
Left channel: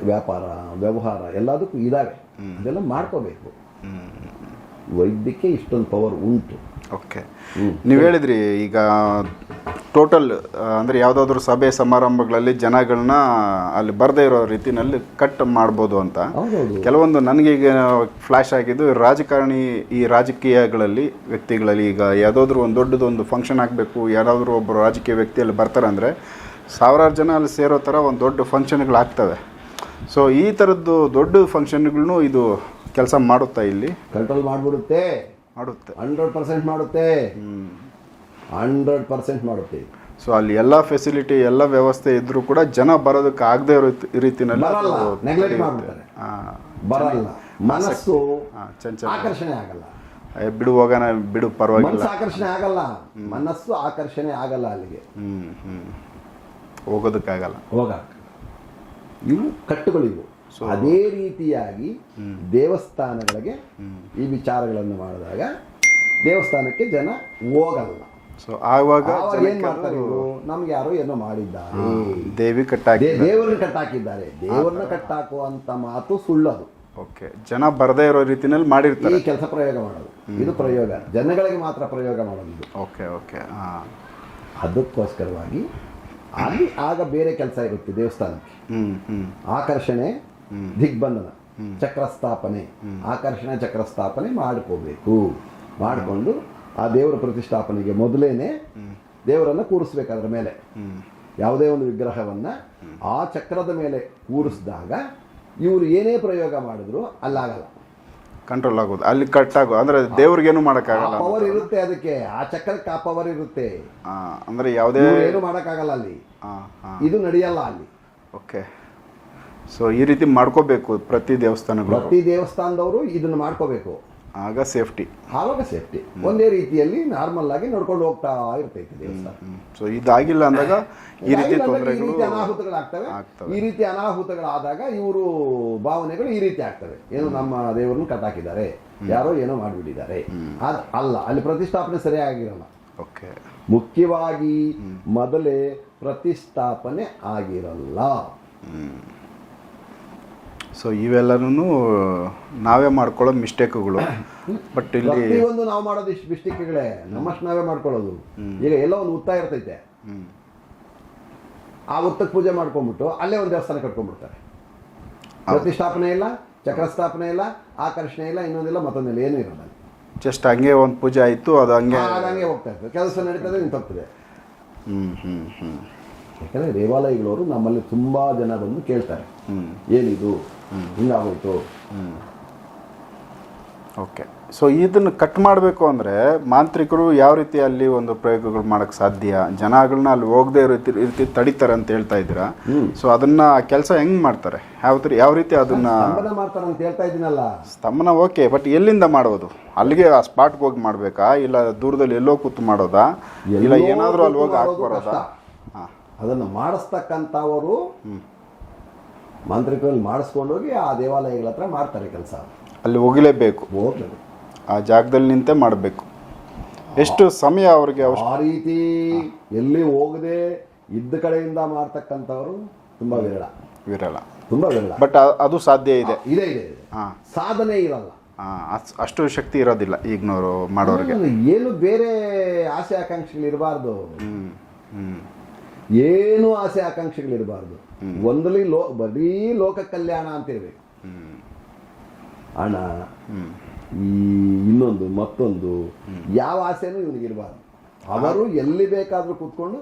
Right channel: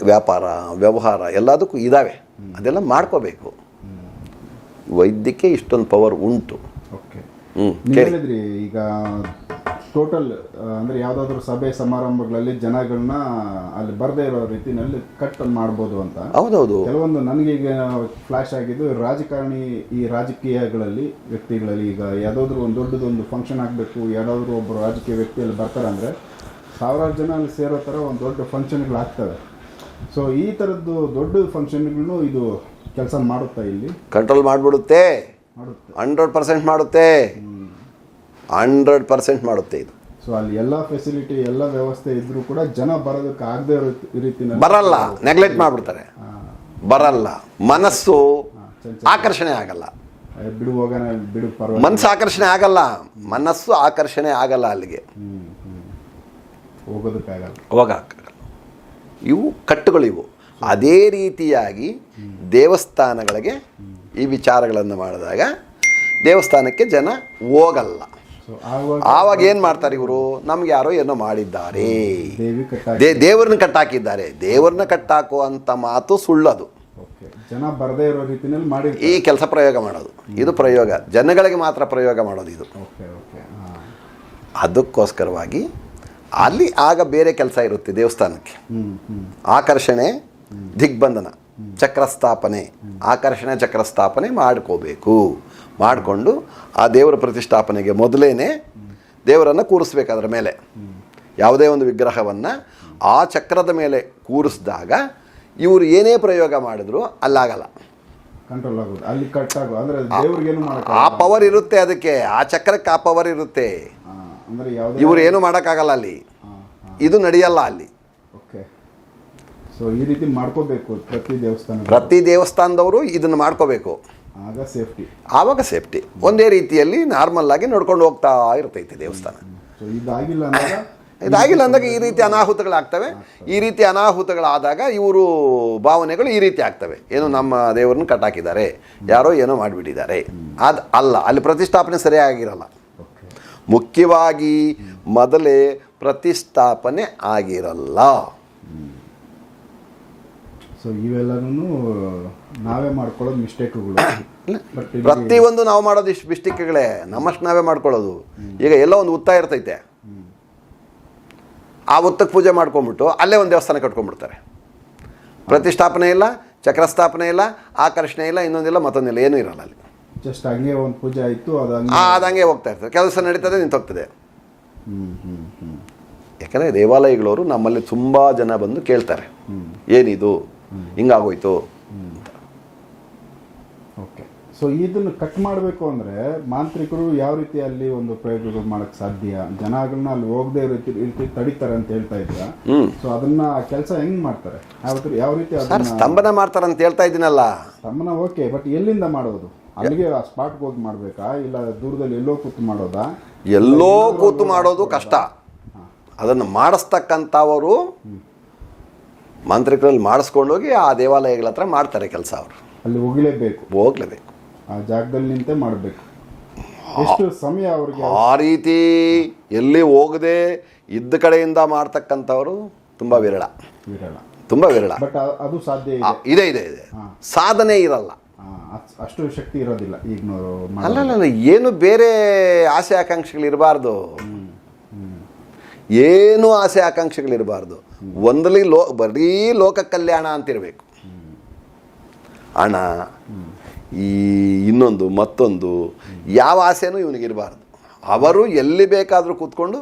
ವ್ಯಾಪಾರ ವ್ಯವಹಾರ ಎಲ್ಲದಕ್ಕೂ ಇದ್ದಾವೆ ಅದೆಲ್ಲ ಮಾಡ್ಕೋಬೇಕು. ವೈದ್ಯಕ್ಕೆ ಇಷ್ಟೊಂದು ಪವರ್ ಉಂಟು. ಓಕೆ. ನೀವು ಹೇಳಿದ್ರಿ ಈಗ ಟೋಟಲ್ ಅಂದರೆ ಯಾವುದಾದ್ರೂ ಸಭೆ ಸಮಾರಂಭಗಳಲ್ಲಿ ಜನಗಳನ್ನ ಅಲ್ಲಿ ಬರದೇ ಇರೋ ರೀತಿಯಲ್ಲಿ ಕಟ್ ಮಾಡ್ಬೋದು ಅಂತ. ಹೌದೌದು. ಕೆಲವೊಂದು ನನಗೆ ಈಗ ಫ್ಲ್ಯಾಶ್ ಆಗಿದ್ದು ರಾಜಕಾರಣಿ ಈ ರಾಜಕೀಯಗಳಲ್ಲಿ ವ್ಯಕ್ತಿಗಳಲ್ಲಿ ಈಗ ಯಾವುದಾದ್ರೂ ಒಂದು ದೊಡ್ಡದೊಂದು ಫಂಕ್ಷನ್ ಆಗಬೇಕು ಯಾರಾದರೂ ಒಬ್ಬರು ರಾಜಕೀಯ ವ್ಯಕ್ತಿಯಲ್ಲಿ ಬರ್ತಾರೆ ಅಂದರೆ ಸಾವಿರಾರು ಜನ ಅಲ್ಲಿ ಸೇರೋ ಥರ ಒಂದು ದೊಡ್ಡ ಫಂಕ್ಷನ್ಗಳು ಆಗ್ತವೆ ಸೊ ಈ ಥರದ್ದು ದೊಡ್ಡ ಫಂಕ್ಷನ್ಗಳನ್ನು ಇದು ಕೆಲಸ ಮಾಡುತ್ತಾ ಇಲ್ಲಿ? ಕಂಟ್ರೋಲ್ ಮಾಡಿಬಿಡುತ್ತೆ. ಮಾಡುತ್ತೆ. ಹಂಡ್ರೆಡ್ ಪರ್ಸೆಂಟ್ ಮಾಡುತ್ತೆ. ಹಂಡ್ರೆಡ್ ಪರ್ಸೆಂಟ್ ಮಾಡುತ್ತೆ ಇದು. ಸೊ ಅಲ್ಲಿ ಎಲ್ಲ ಫೆಸಿಲಿಟಿ ಎಲ್ಲ ವ್ಯವಸ್ಥೆ ಇದ್ರೂ ಕೂಡ ಜನ ಬರೋದಕ್ಕೆ ಆಗದೆ ಇರೋ ಈ ರೀತಿನಲ್ಲಿ ಬರಲ್ಲ. ನೆಗ್ಲೆಕ್ಟ್ ಮಾಡಿಬಿಡ್ತಾರೆ. ಬರಲ್ಲ. ಮನಸ್ಸು ಆಕರ್ಷಣೆ ಆಗಲ್ಲ. ಬಿಡು ಹೋಗೋಣ ಬಿಡು ಪರವಾಗಿ ಮನಸ್ಸು ಆಕರ್ಷಣೆ ಆಗಲ್ಲ. ಮನಸ್ಸು ಆಕರ್ಷಣೆ ಆಗಲ್ಲ ಅಲ್ಲಿಗೆ. ಹ್ಞೂ ಹ್ಞೂ ಹೋಗೋದಕ್ಕಾಗಲ್ಲ. ಹೋಗಕ್ಕಾಗಲ್ಲ ಇವು ಕಟ್ಟುಗಳು ಇವು. ಅದೇ ರೀತಿಯಾಗಿ ದೇವಸ್ಥಾನಗಳಿಗೆ ಈ ವಿಚಾರಗಳನ್ನು ಮಾಡಿದಾಗ ದೇವಸ್ಥಾನಕ್ಕೆ ಜನ ಹೋಗಲ್ಲ. ಸೊ ಆವಾಗ ಆವಾಗ ಏನು ಮಾಡ್ತಾರೆ ಇವರು? ನಮ್ಗೆ ಯಾರೋ ಏನೋ ಮಾಡಿದ್ದಾರೆ. ದೇವಿ ದೇವರನ್ನ ಕಟ್ಟಾಕಿದ್ದಾರೆ. ದೇವ್ರನ್ನ ಕಟ್ಟಾಕುವಂಥ ಮಾತು ಸುಳ್ಳದು. ಓಕೆ ಜನ ಬರದೇ ಇರೋ ರೀತಿನಲ್ಲಿ ಈ ಕೆಲಸ ಪ್ರಯೋಗ ಮಾಡೋದು. ಇದು ಪ್ರಯೋಗ. ಜನಗಳಿಗೆ ಮಾತ್ರ ಪ್ರಯೋಗ ಮಾಡೋದು ಇದು. ಓಕೆ ಓಕೆ ಅದಕ್ಕೋಸ್ಕರವಾಗಿ ಅಲ್ಲಿ ಆಗ ಬೇರೆ ಕೆಲಸ ಇರುತ್ತೆ ದೇವಸ್ಥಾನಕ್ಕೆ. ಆಕರ್ಷಣೆ, ದಿಗ್ಬಂಧನ, ಚಕ್ರಸ್ಥಾಪನೆ. ಆಕರ್ಷಣೆ, ಚಕ್ರಸ್ಥಾಪನೆ ಮಾಡ್ಕೋಬೇಕು. ಮಾಡಿಕೊಂಡು ಆ ದೇವರ ಪ್ರತಿಷ್ಠಾಪನೆಗೆ ಮೊದಲೇನೆ ದೇವರನ್ನು ಕೂರಿಸ್ಬೇಕು ಅದರ ಮೇಲೆ. ಯಾವುದೇ ಒಂದು ವಿಗ್ರಹವನ್ನು ಆ ಚಕ್ರದ ಮೇಲೆ ಕೂರಿಸಿದಾಗ ಇವರು ಏನೇ ಪ್ರಯೋಗ ಮಾಡಿದ್ರು ಅಲ್ಲಾಗಲ್ಲ. ಕಂಟ್ರೋಲ್ ಆಗೋದು. ಅಲ್ಲಿ ಕಟ್ ಆಗೋ ಅಂದ್ರೆ ದೇವ್ರಿಗೇನು ಆ ಪವರ್ ಇರುತ್ತೆ ಅದಕ್ಕೆ. ಆ ಚಕ್ರಕ್ಕೆ ಆ ಪವರ್ ಇರುತ್ತೆ. ಅಂದ್ರೆ ಯಾವುದೇ ಇವ್ರು ಏನು ಮಾಡೋಕ್ಕಾಗಲ್ಲ ಅಲ್ಲಿ. ಇದು ನಡೆಯಲ್ಲ ಅಲ್ಲಿ. ಓಕೆ. ಸೊ ಈ ರೀತಿ ಮಾಡ್ಕೋಬೇಕು ಪ್ರತಿ ದೇವಸ್ಥಾನ ಪ್ರತಿ ದೇವಸ್ಥಾನದವರು ಇದನ್ನು ಮಾಡ್ಕೋಬೇಕು. ಆಗ ಸೇಫ್ಟಿ ಆವಾಗ ಸೇಫ್ಟಿ ಒಂದೇ ರೀತಿಯಲ್ಲಿ ನಾರ್ಮಲ್ ಆಗಿ ನೋಡ್ಕೊಂಡು ಹೋಗ್ತಾ ಇರ್ತೈತಿ ದೇವಸ್ಥಾನ. ಸೊ ಇದಾಗಿಲ್ಲ ಅಂದಾಗ ಇದಾಗಿಲ್ಲ ಅಂದಾಗ ಈ ರೀತಿ ಅನಾಹುತಗಳಾಗ್ತವೆ. ಈ ರೀತಿ ಅನಾಹುತಗಳಾದಾಗ ಇವರು ಭಾವನೆಗಳು ಈ ರೀತಿ ಆಗ್ತವೆ. ಏನು ನಮ್ಮ ದೇವರನ್ನು ಕಟ್ಟಾಕಿದ್ದಾರೆ. ಯಾರೋ ಏನೋ ಮಾಡಿಬಿಟ್ಟಿದ್ದಾರೆ. ಅದು ಅಲ್ಲ ಅಲ್ಲಿ ಪ್ರತಿಷ್ಠಾಪನೆ ಸರಿಯಾಗಿರಲ್ಲ. ಓಕೆ. ಮುಖ್ಯವಾಗಿ ಮೊದಲೇ ಪ್ರತಿಷ್ಠಾಪನೆ ಆಗಿರಲ್ಲ. ಸೊ ಇವೆಲ್ಲನೂ ನಾವೇ ಮಾಡ್ಕೊಳ್ಳೋ ಮಿಸ್ಟೇಕ್ಗಳು. ಬಟ್ ಒಂದು ಪ್ರತಿಯೊಂದು ನಾವು ಮಾಡೋದು ಇಷ್ಟು ಮಿಸ್ಟೇಕ್ಗಳೇ. ನಮ್ಮಷ್ಟು ನಾವೇ ಮಾಡ್ಕೊಳ್ಳೋದು. ಈಗ ಎಲ್ಲ ಒಂದು ಉತ್ತಾಯ ಇರ್ತೈತೆ. ಆ ಉತ್ತಕ್ಕೆ ಪೂಜೆ ಮಾಡ್ಕೊಂಡ್ಬಿಟ್ಟು ಅಲ್ಲೇ ಒಂದು ದೇವಸ್ಥಾನ ಕಟ್ಕೊಂಡ್ಬಿಡ್ತಾರೆ. ಪ್ರತಿಷ್ಠಾಪನೆ ಇಲ್ಲ ಚಕ್ರಸ್ಥಾಪನೆ ಇಲ್ಲ ಆಕರ್ಷಣೆ ಇಲ್ಲ ಇನ್ನೊಂದಿಲ್ಲ ಮತ್ತೊಂದಿಲ್ಲ ಏನೂ ಇರಲ್ಲ ಅಲ್ಲಿ. ಜಸ್ಟ್ ಹಂಗೆ ಒಂದು ಪೂಜೆ ಆಯಿತು ಅದು ಹಂಗೆ ಅದು ಹಂಗೆ ಹೋಗ್ತಾ ಇರ್ತದೆ. ಕೆಲಸ ನಡೀತದೆ ನಿಂತೋಗ್ತದೆ. ಹ್ಞೂ ಹ್ಞೂ ಹ್ಞೂ ಯಾಕಂದರೆ ದೇವಾಲಯಗಳವರು ನಮ್ಮಲ್ಲಿ ತುಂಬ ಜನ ಬಂದು ಕೇಳ್ತಾರೆ. ಏನಿದು? ಹಿಂಗಾಗೋಯ್ತು. ಓಕೆ ಸೊ ಇದನ್ನು ಕಟ್ ಮಾಡಬೇಕು ಅಂದರೆ ಮಾಂತ್ರಿಕರು ಯಾವ ರೀತಿ ಅಲ್ಲಿ ಒಂದು ಪ್ರಯೋಗಗಳು ಮಾಡೋಕ್ಕೆ ಸಾಧ್ಯ? ಜನಗಳನ್ನ ಅಲ್ಲಿ ಹೋಗದೆ ರೀತಿ ರೀತಿ ತಡಿತಾರೆ ಅಂತ ಹೇಳ್ತಾ ಇದ್ದೀರಾ? ಸೊ ಅದನ್ನ ಕೆಲಸ ಹೆಂಗ್ ಮಾಡ್ತಾರೆ? ಯಾವ ಯಾವ ರೀತಿ ಅದನ್ನ ಸ್ತಂಭನ ಮಾಡ್ತಾರೆ ಅಂತ ಹೇಳ್ತಾ ಇದ್ದೀನಲ್ಲ. ಸ್ತಂಭನ ಓಕೆ ಬಟ್ ಎಲ್ಲಿಂದ ಮಾಡೋದು? ಅಲ್ಲಿಗೆ ಆ ಸ್ಪಾಟ್ಗೆ ಹೋಗಿ ಮಾಡಬೇಕಾ? ಇಲ್ಲ ದೂರದಲ್ಲಿ ಎಲ್ಲೋ ಕೂತು ಮಾಡೋದಾ? ಎಲ್ಲೋ ಕೂತು ಮಾಡೋದು ಕಷ್ಟ. ಅದನ್ನು ಮಾಡಿಸ್ತಕ್ಕಂಥವರು ಮಾಂತ್ರಿಕರಲ್ಲಿ ಮಾಡಿಸ್ಕೊಂಡೋಗಿ ಆ ದೇವಾಲಯಗಳ ಹತ್ರ ಮಾಡ್ತಾರೆ ಕೆಲಸ ಅವರು. ಅಲ್ಲಿ ಹೋಗಲೇಬೇಕು. ಹೋಗ್ಲೇಬೇಕು. ಆ ಜಾಗದಲ್ಲಿ ನಿಂತೆ ಮಾಡಬೇಕು. ಎಷ್ಟು ಸಮಯ ಅವ್ರಿಗೆ ಆ ರೀತಿ ಎಲ್ಲಿ ಹೋಗದೆ ಇದ್ದ ಕಡೆಯಿಂದ ಮಾಡ್ತಕ್ಕಂಥವ್ರು ತುಂಬ ವಿರಳ. ವಿರಳ. ತುಂಬ ವಿರಳ. ಬಟ್ ಅದು ಸಾಧ್ಯ ಇದೆ. ಇದೆ ಇದೆ ಇದೆ. ಸಾಧನೆ ಇರಲ್ಲ. ಅಷ್ಟು ಶಕ್ತಿ ಇರೋದಿಲ್ಲ ಈಗಿನವರು ಮಾಡೋದು ಏನು ಬೇರೆ ಆಸೆ ಆಕಾಂಕ್ಷೆಗಳಿರಬಾರ್ದು ಏನು ಆಸೆ ಆಕಾಂಕ್ಷೆಗಳಿರಬಾರ್ದು ಒಂದಲ್ಲಿ ಲೋ ಬರೀ ಲೋಕ ಕಲ್ಯಾಣ ಅಂತಿರಬೇಕು ಹಣ ಈ ಇನ್ನೊಂದು ಮತ್ತೊಂದು ಯಾವ ಆಸೆನೂ ಇವನಿಗಿರಬಾರ್ದು ಅವರು ಎಲ್ಲಿ ಬೇಕಾದರೂ ಕೂತ್ಕೊಂಡು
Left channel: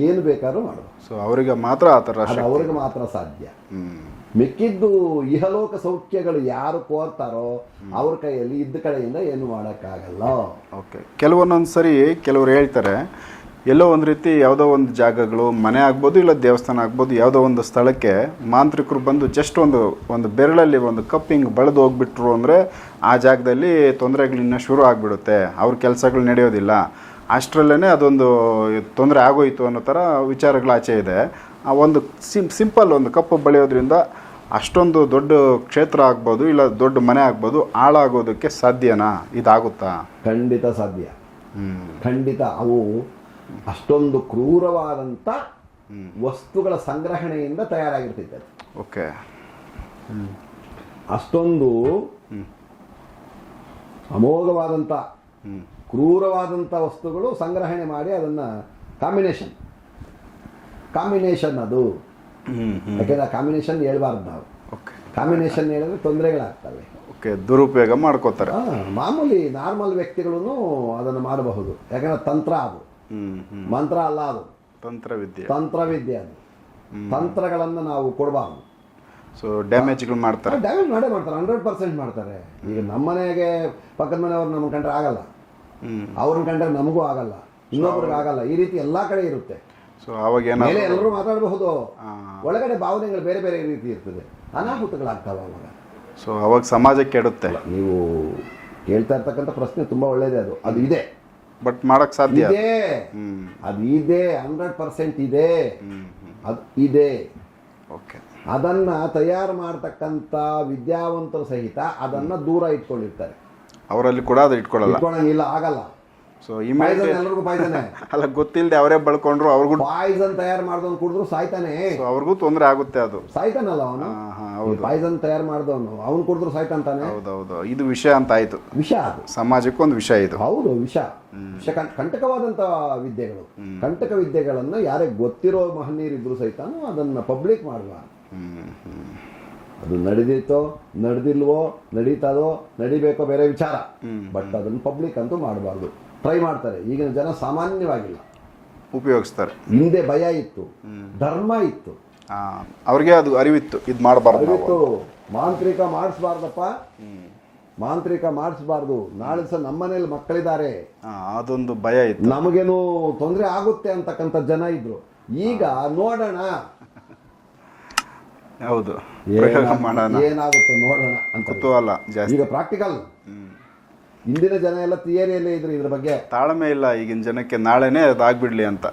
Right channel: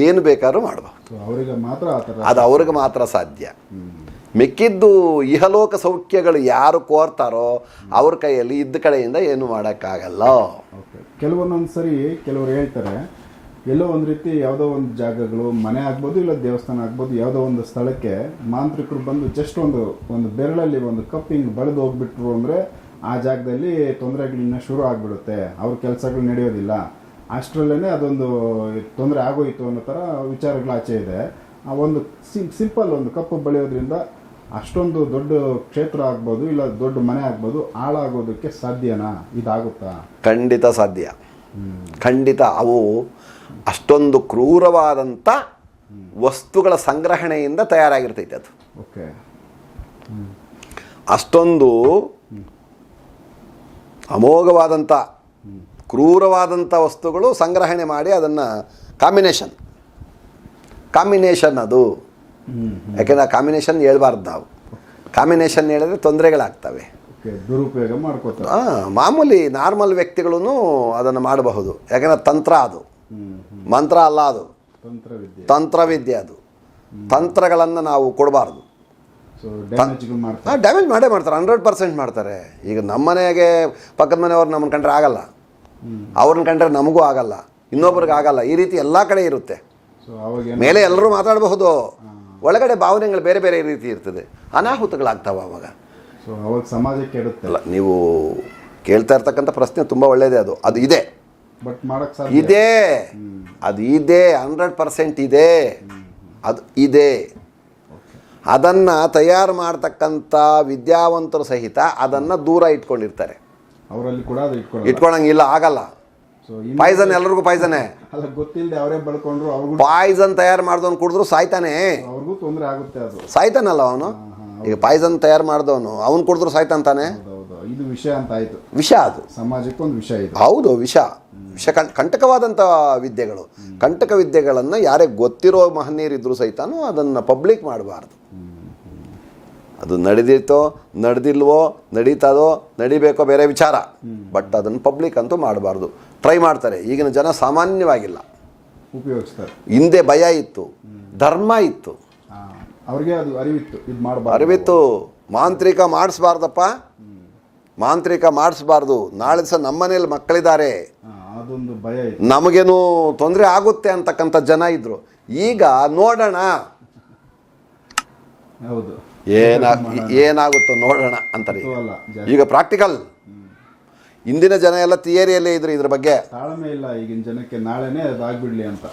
ಏನು ಬೇಕಾದ್ರೂ ಮಾಡಬಹುದು ಸೊ ಅವರಿಗೆ ಮಾತ್ರ ಆ ಥರ ಅದು ಅವ್ರಿಗೆ ಮಾತ್ರ ಸಾಧ್ಯ. ಮಿಕ್ಕಿದ್ದು ಇಹಲೋಕ ಸೌಖ್ಯಗಳು ಯಾರು ಕೋರ್ತಾರೋ ಅವ್ರ ಕೈಯಲ್ಲಿ ಇದ್ದ ಕಡೆಯಿಂದ ಏನು ಮಾಡೋಕ್ಕಾಗಲ್ಲ. ಓಕೆ ಕೆಲವೊಂದೊಂದು ಸರಿ ಕೆಲವರು ಹೇಳ್ತಾರೆ ಎಲ್ಲೋ ಒಂದು ರೀತಿ ಯಾವುದೋ ಒಂದು ಜಾಗಗಳು ಮನೆ ಆಗ್ಬೋದು ಇಲ್ಲ ದೇವಸ್ಥಾನ ಆಗ್ಬೋದು ಯಾವುದೋ ಒಂದು ಸ್ಥಳಕ್ಕೆ ಮಾಂತ್ರಿಕರು ಬಂದು ಜಸ್ಟ್ ಒಂದು ಒಂದು ಬೆರಳಲ್ಲಿ ಒಂದು ಕಪ್ ಹಿಂಗೆ ಬಳದು ಹೋಗ್ಬಿಟ್ರು ಅಂದರೆ ಆ ಜಾಗದಲ್ಲಿ ತೊಂದರೆಗಳಿನ್ನ ಶುರು ಆಗಿಬಿಡುತ್ತೆ. ಅವ್ರ ಕೆಲಸಗಳು ನಡೆಯೋದಿಲ್ಲ. ಅಷ್ಟರಲ್ಲೇ ಅದೊಂದು ತೊಂದರೆ ಆಗೋಯಿತು ಅನ್ನೋ ಥರ ವಿಚಾರಗಳು ಆಚೆ ಇದೆ. ಆ ಒಂದು ಸಿಂ ಸಿಂಪಲ್ ಒಂದು ಕಪ್ಪು ಬಳಿಯೋದ್ರಿಂದ ಅಷ್ಟೊಂದು ದೊಡ್ಡ ಕ್ಷೇತ್ರ ಆಗ್ಬೋದು ಇಲ್ಲ ದೊಡ್ಡ ಮನೆ ಆಗ್ಬೋದು ಹಾಳಾಗೋದಕ್ಕೆ ಸಾಧ್ಯನಾ? ಇದಾಗುತ್ತಾ? ಖಂಡಿತ ಸಾಧ್ಯ. ಖಂಡಿತ ಅವು ಅಷ್ಟೊಂದು ಕ್ರೂರವಾದಂಥ ವಸ್ತುಗಳ ಸಂಗ್ರಹಣೆಯಿಂದ ತಯಾರಾಗಿರ್ತೈತೆ ಅದು. ಓಕೆ. ಅಷ್ಟೊಂದು ಅಮೋಘವಾದಂಥ ಕ್ರೂರವಾದಂಥ ವಸ್ತುಗಳು ಸಂಗ್ರಹಣೆ ಮಾಡಿ ಅದನ್ನು ಕಾಂಬಿನೇಷನ್. ಕಾಂಬಿನೇಷನ್ ಅದು. ಯಾಕೆಂದರೆ ಆ ಕಾಂಬಿನೇಷನ್ ಹೇಳ್ಬಾರ್ದು ನಾವು. ಕಾಂಬಿನೇಷನ್ ಹೇಳಿದ್ರೆ ತೊಂದರೆಗಳಾಗ್ತವೆ. ಓಕೆ ದುರುಪಯೋಗ ಮಾಡ್ಕೋತಾರೆ. ಮಾಮೂಲಿ ನಾರ್ಮಲ್ ವ್ಯಕ್ತಿಗಳೂ ಅದನ್ನು ಮಾಡಬಹುದು. ಯಾಕಂದರೆ ತಂತ್ರ ಅದು. ಮಂತ್ರ ಅಲ್ಲ ಅದು. ತಂತ್ರವಿದ್ಯೆ. ತಂತ್ರವಿದ್ಯೆ ಅದು. ತಂತ್ರಗಳನ್ನು ನಾವು ಕೊಡಬಾರ್ದು. ಸೊ ಡ್ಯಾಮೇಜ್ಗಳು ಮಾಡ್ತಾರೆ. ಡ್ಯಾಮೇಜ್ ಮಾಡೇ ಮಾಡ್ತಾರೆ. ಹಂಡ್ರೆಡ್ ಪರ್ಸೆಂಟ್ ಮಾಡ್ತಾರೆ. ಈಗ ನಮ್ಮ ಮನೆಗೆ ಪಕ್ಕದ ಮನೆಯವ್ರು ನಮ್ಮನ್ನು ಕಂಡ್ರೆ ಆಗಲ್ಲ. ಅವ್ರನ್ನ ಕಂಡ್ರೆ ನಮಗೂ ಆಗಲ್ಲ. ಇನ್ನೊಬ್ರಿಗೆ ಆಗಲ್ಲ. ಈ ರೀತಿ ಎಲ್ಲ ಕಡೆ ಇರುತ್ತೆ. ಸೊ ಅವಾಗ ಮೇಲೆ ಎಲ್ಲರೂ ಮಾತಾಡಬಹುದು. ಒಳಗಡೆ ಭಾವನೆಗಳು ಬೇರೆ ಬೇರೆ ರೀತಿ ಇರ್ತದೆ. ಅನಾಹುತಗಳಾಗ್ತಾವೆ ಅವಾಗ. ಸೊ ಅವಾಗ ಸಮಾಜಕ್ಕೆ ಕೆಡುತ್ತೆ. ಅಲ್ಲ ನೀವು ಕೇಳ್ತಾ ಇರ್ತಕ್ಕಂಥ ಪ್ರಶ್ನೆ ತುಂಬ ಒಳ್ಳೆಯದೇ ಅದು. ಅದು ಇದೆ. ಬಟ್ ಮಾಡಕ್ ಸಾಧ್ಯ. ಇದೆ. ಅದು ಇದೆ ಹಂಡ್ರೆಡ್ ಪರ್ಸೆಂಟ್ ಇದೆ. ಅದು ಇದೆ. ಓಕೆ. ಅದನ್ನು ತಯಾರು ಮಾಡ್ತಕ್ಕಂಥ ವಿದ್ಯಾವಂತರು ಸಹಿತ ಅದನ್ನು ದೂರ ಇಟ್ಕೊಂಡಿರ್ತಾರೆ. ಅವರಲ್ಲಿ ಕೂಡ ಅದು ಇಟ್ಕೊಳ್ಳಲ್ಲ. ಇಟ್ಕೊಳಂಗಿಲ್ಲ ಆಗಲ್ಲ. ಸೊ ಪಾಯ್ಸನ್ ಎಲ್ಲರಿಗೂ ಪಾಯ್ಸನೇ. ಅಲ್ಲ ಗೊತ್ತಿಲ್ಲದೆ ಅವರೇ ಬಳ್ಕೊಂಡ್ರು ಅವ್ರಿಗೂ ಪಾಯ್ಸನ್ ತಯಾರು ಮಾಡ್ದವ್ನು ಕುಡಿದ್ರು ಸಾಯ್ತಾನೆ. ಅವ್ರಿಗೂ ತೊಂದರೆ ಆಗುತ್ತೆ ಅದು. ಸಾಯ್ತಾನಲ್ಲ ಅವನು? ಈಗ ಪಾಯ್ಸನ್ ತಯಾರು ಮಾಡಿದವನು ಅವನು ಕುಡಿದ್ರು ಸಾಯ್ತಂತಾನೆ? ಹೌದೌದು. ಇದು ವಿಷಯ ಅಂತ ಆಯ್ತು. ವಿಷ ಅದು. ಸಮಾಜಕ್ಕೆ ಒಂದು ವಿಷಯ ಇದು. ಹೌದು ವಿಷ. ವಿಷ ಕಂ- ಕಂಟಕವಾದಂಥ ವಿದ್ಯೆಗಳು. ಕಂಟಕ ವಿದ್ಯೆಗಳನ್ನು ಯಾರೇ ಗೊತ್ತಿರೋ ಮಹನೀಯರಿದ್ರು ಸಹಿತನೂ ಅದನ್ನು ಪಬ್ಲಿಕ್ ಮಾಡಬಾರ್ದು. ಅದು ನಡೆದಿತ್ತೋ ನಡೆದಿಲ್ವೋ ನಡೀತದೋ ನಡಿಬೇಕೋ ಬೇರೆ ವಿಚಾರ. ಬಟ್ ಅದನ್ನು ಪಬ್ಲಿಕ್ ಅಂತೂ ಮಾಡಬಾರ್ದು. ಟ್ರೈ ಮಾಡ್ತಾರೆ. ಈಗಿನ ಜನ ಸಾಮಾನ್ಯವಾಗಿಲ್ಲ. ಉಪಯೋಗಿಸ್ತಾರೆ. ಹಿಂದೆ ಭಯ ಇತ್ತು. ಧರ್ಮ ಇತ್ತು. ಅವ್ರಿಗೆ ಅದು ಅರಿವಿತ್ತು ಇದು ಮಾಡಬಾರ್ದು ಅರಿವಿತ್ತು. ಮಾಂತ್ರಿಕ ಮಾಡಿಸ್ಬಾರ್ದಪ್ಪ. ಮಾಂತ್ರಿಕ ಮಾಡಿಸ್ಬಾರ್ದು. ನಾಳೆ ಸಹ ನಮ್ಮನೇಲಿ ಮಕ್ಕಳಿದ್ದಾರೆ. ಅದೊಂದು ಭಯ ಇತ್ತು. ನಮಗೇನು ತೊಂದರೆ ಆಗುತ್ತೆ ಅಂತಕ್ಕಂಥ ಜನ ಇದ್ರು. ಈಗ ನೋಡೋಣ. ಹೌದು. ಏನಾಗುತ್ತೋ ನೋಡೋಣ ಅಂತ ಈಗ ಪ್ರಾಕ್ಟಿಕಲ್ ಇಂದಿನ ಜನ ಎಲ್ಲ ಥಿಯರಿಯಲ್ಲೇ ಇದ್ರು ಇದ್ರ ಬಗ್ಗೆ. ತಾಳ್ಮೆ ಇಲ್ಲ ಈಗಿನ ಜನಕ್ಕೆ ನಾಳೆನೇ ಅದಾಗ್ಬಿಡ್ಲಿ ಅಂತ.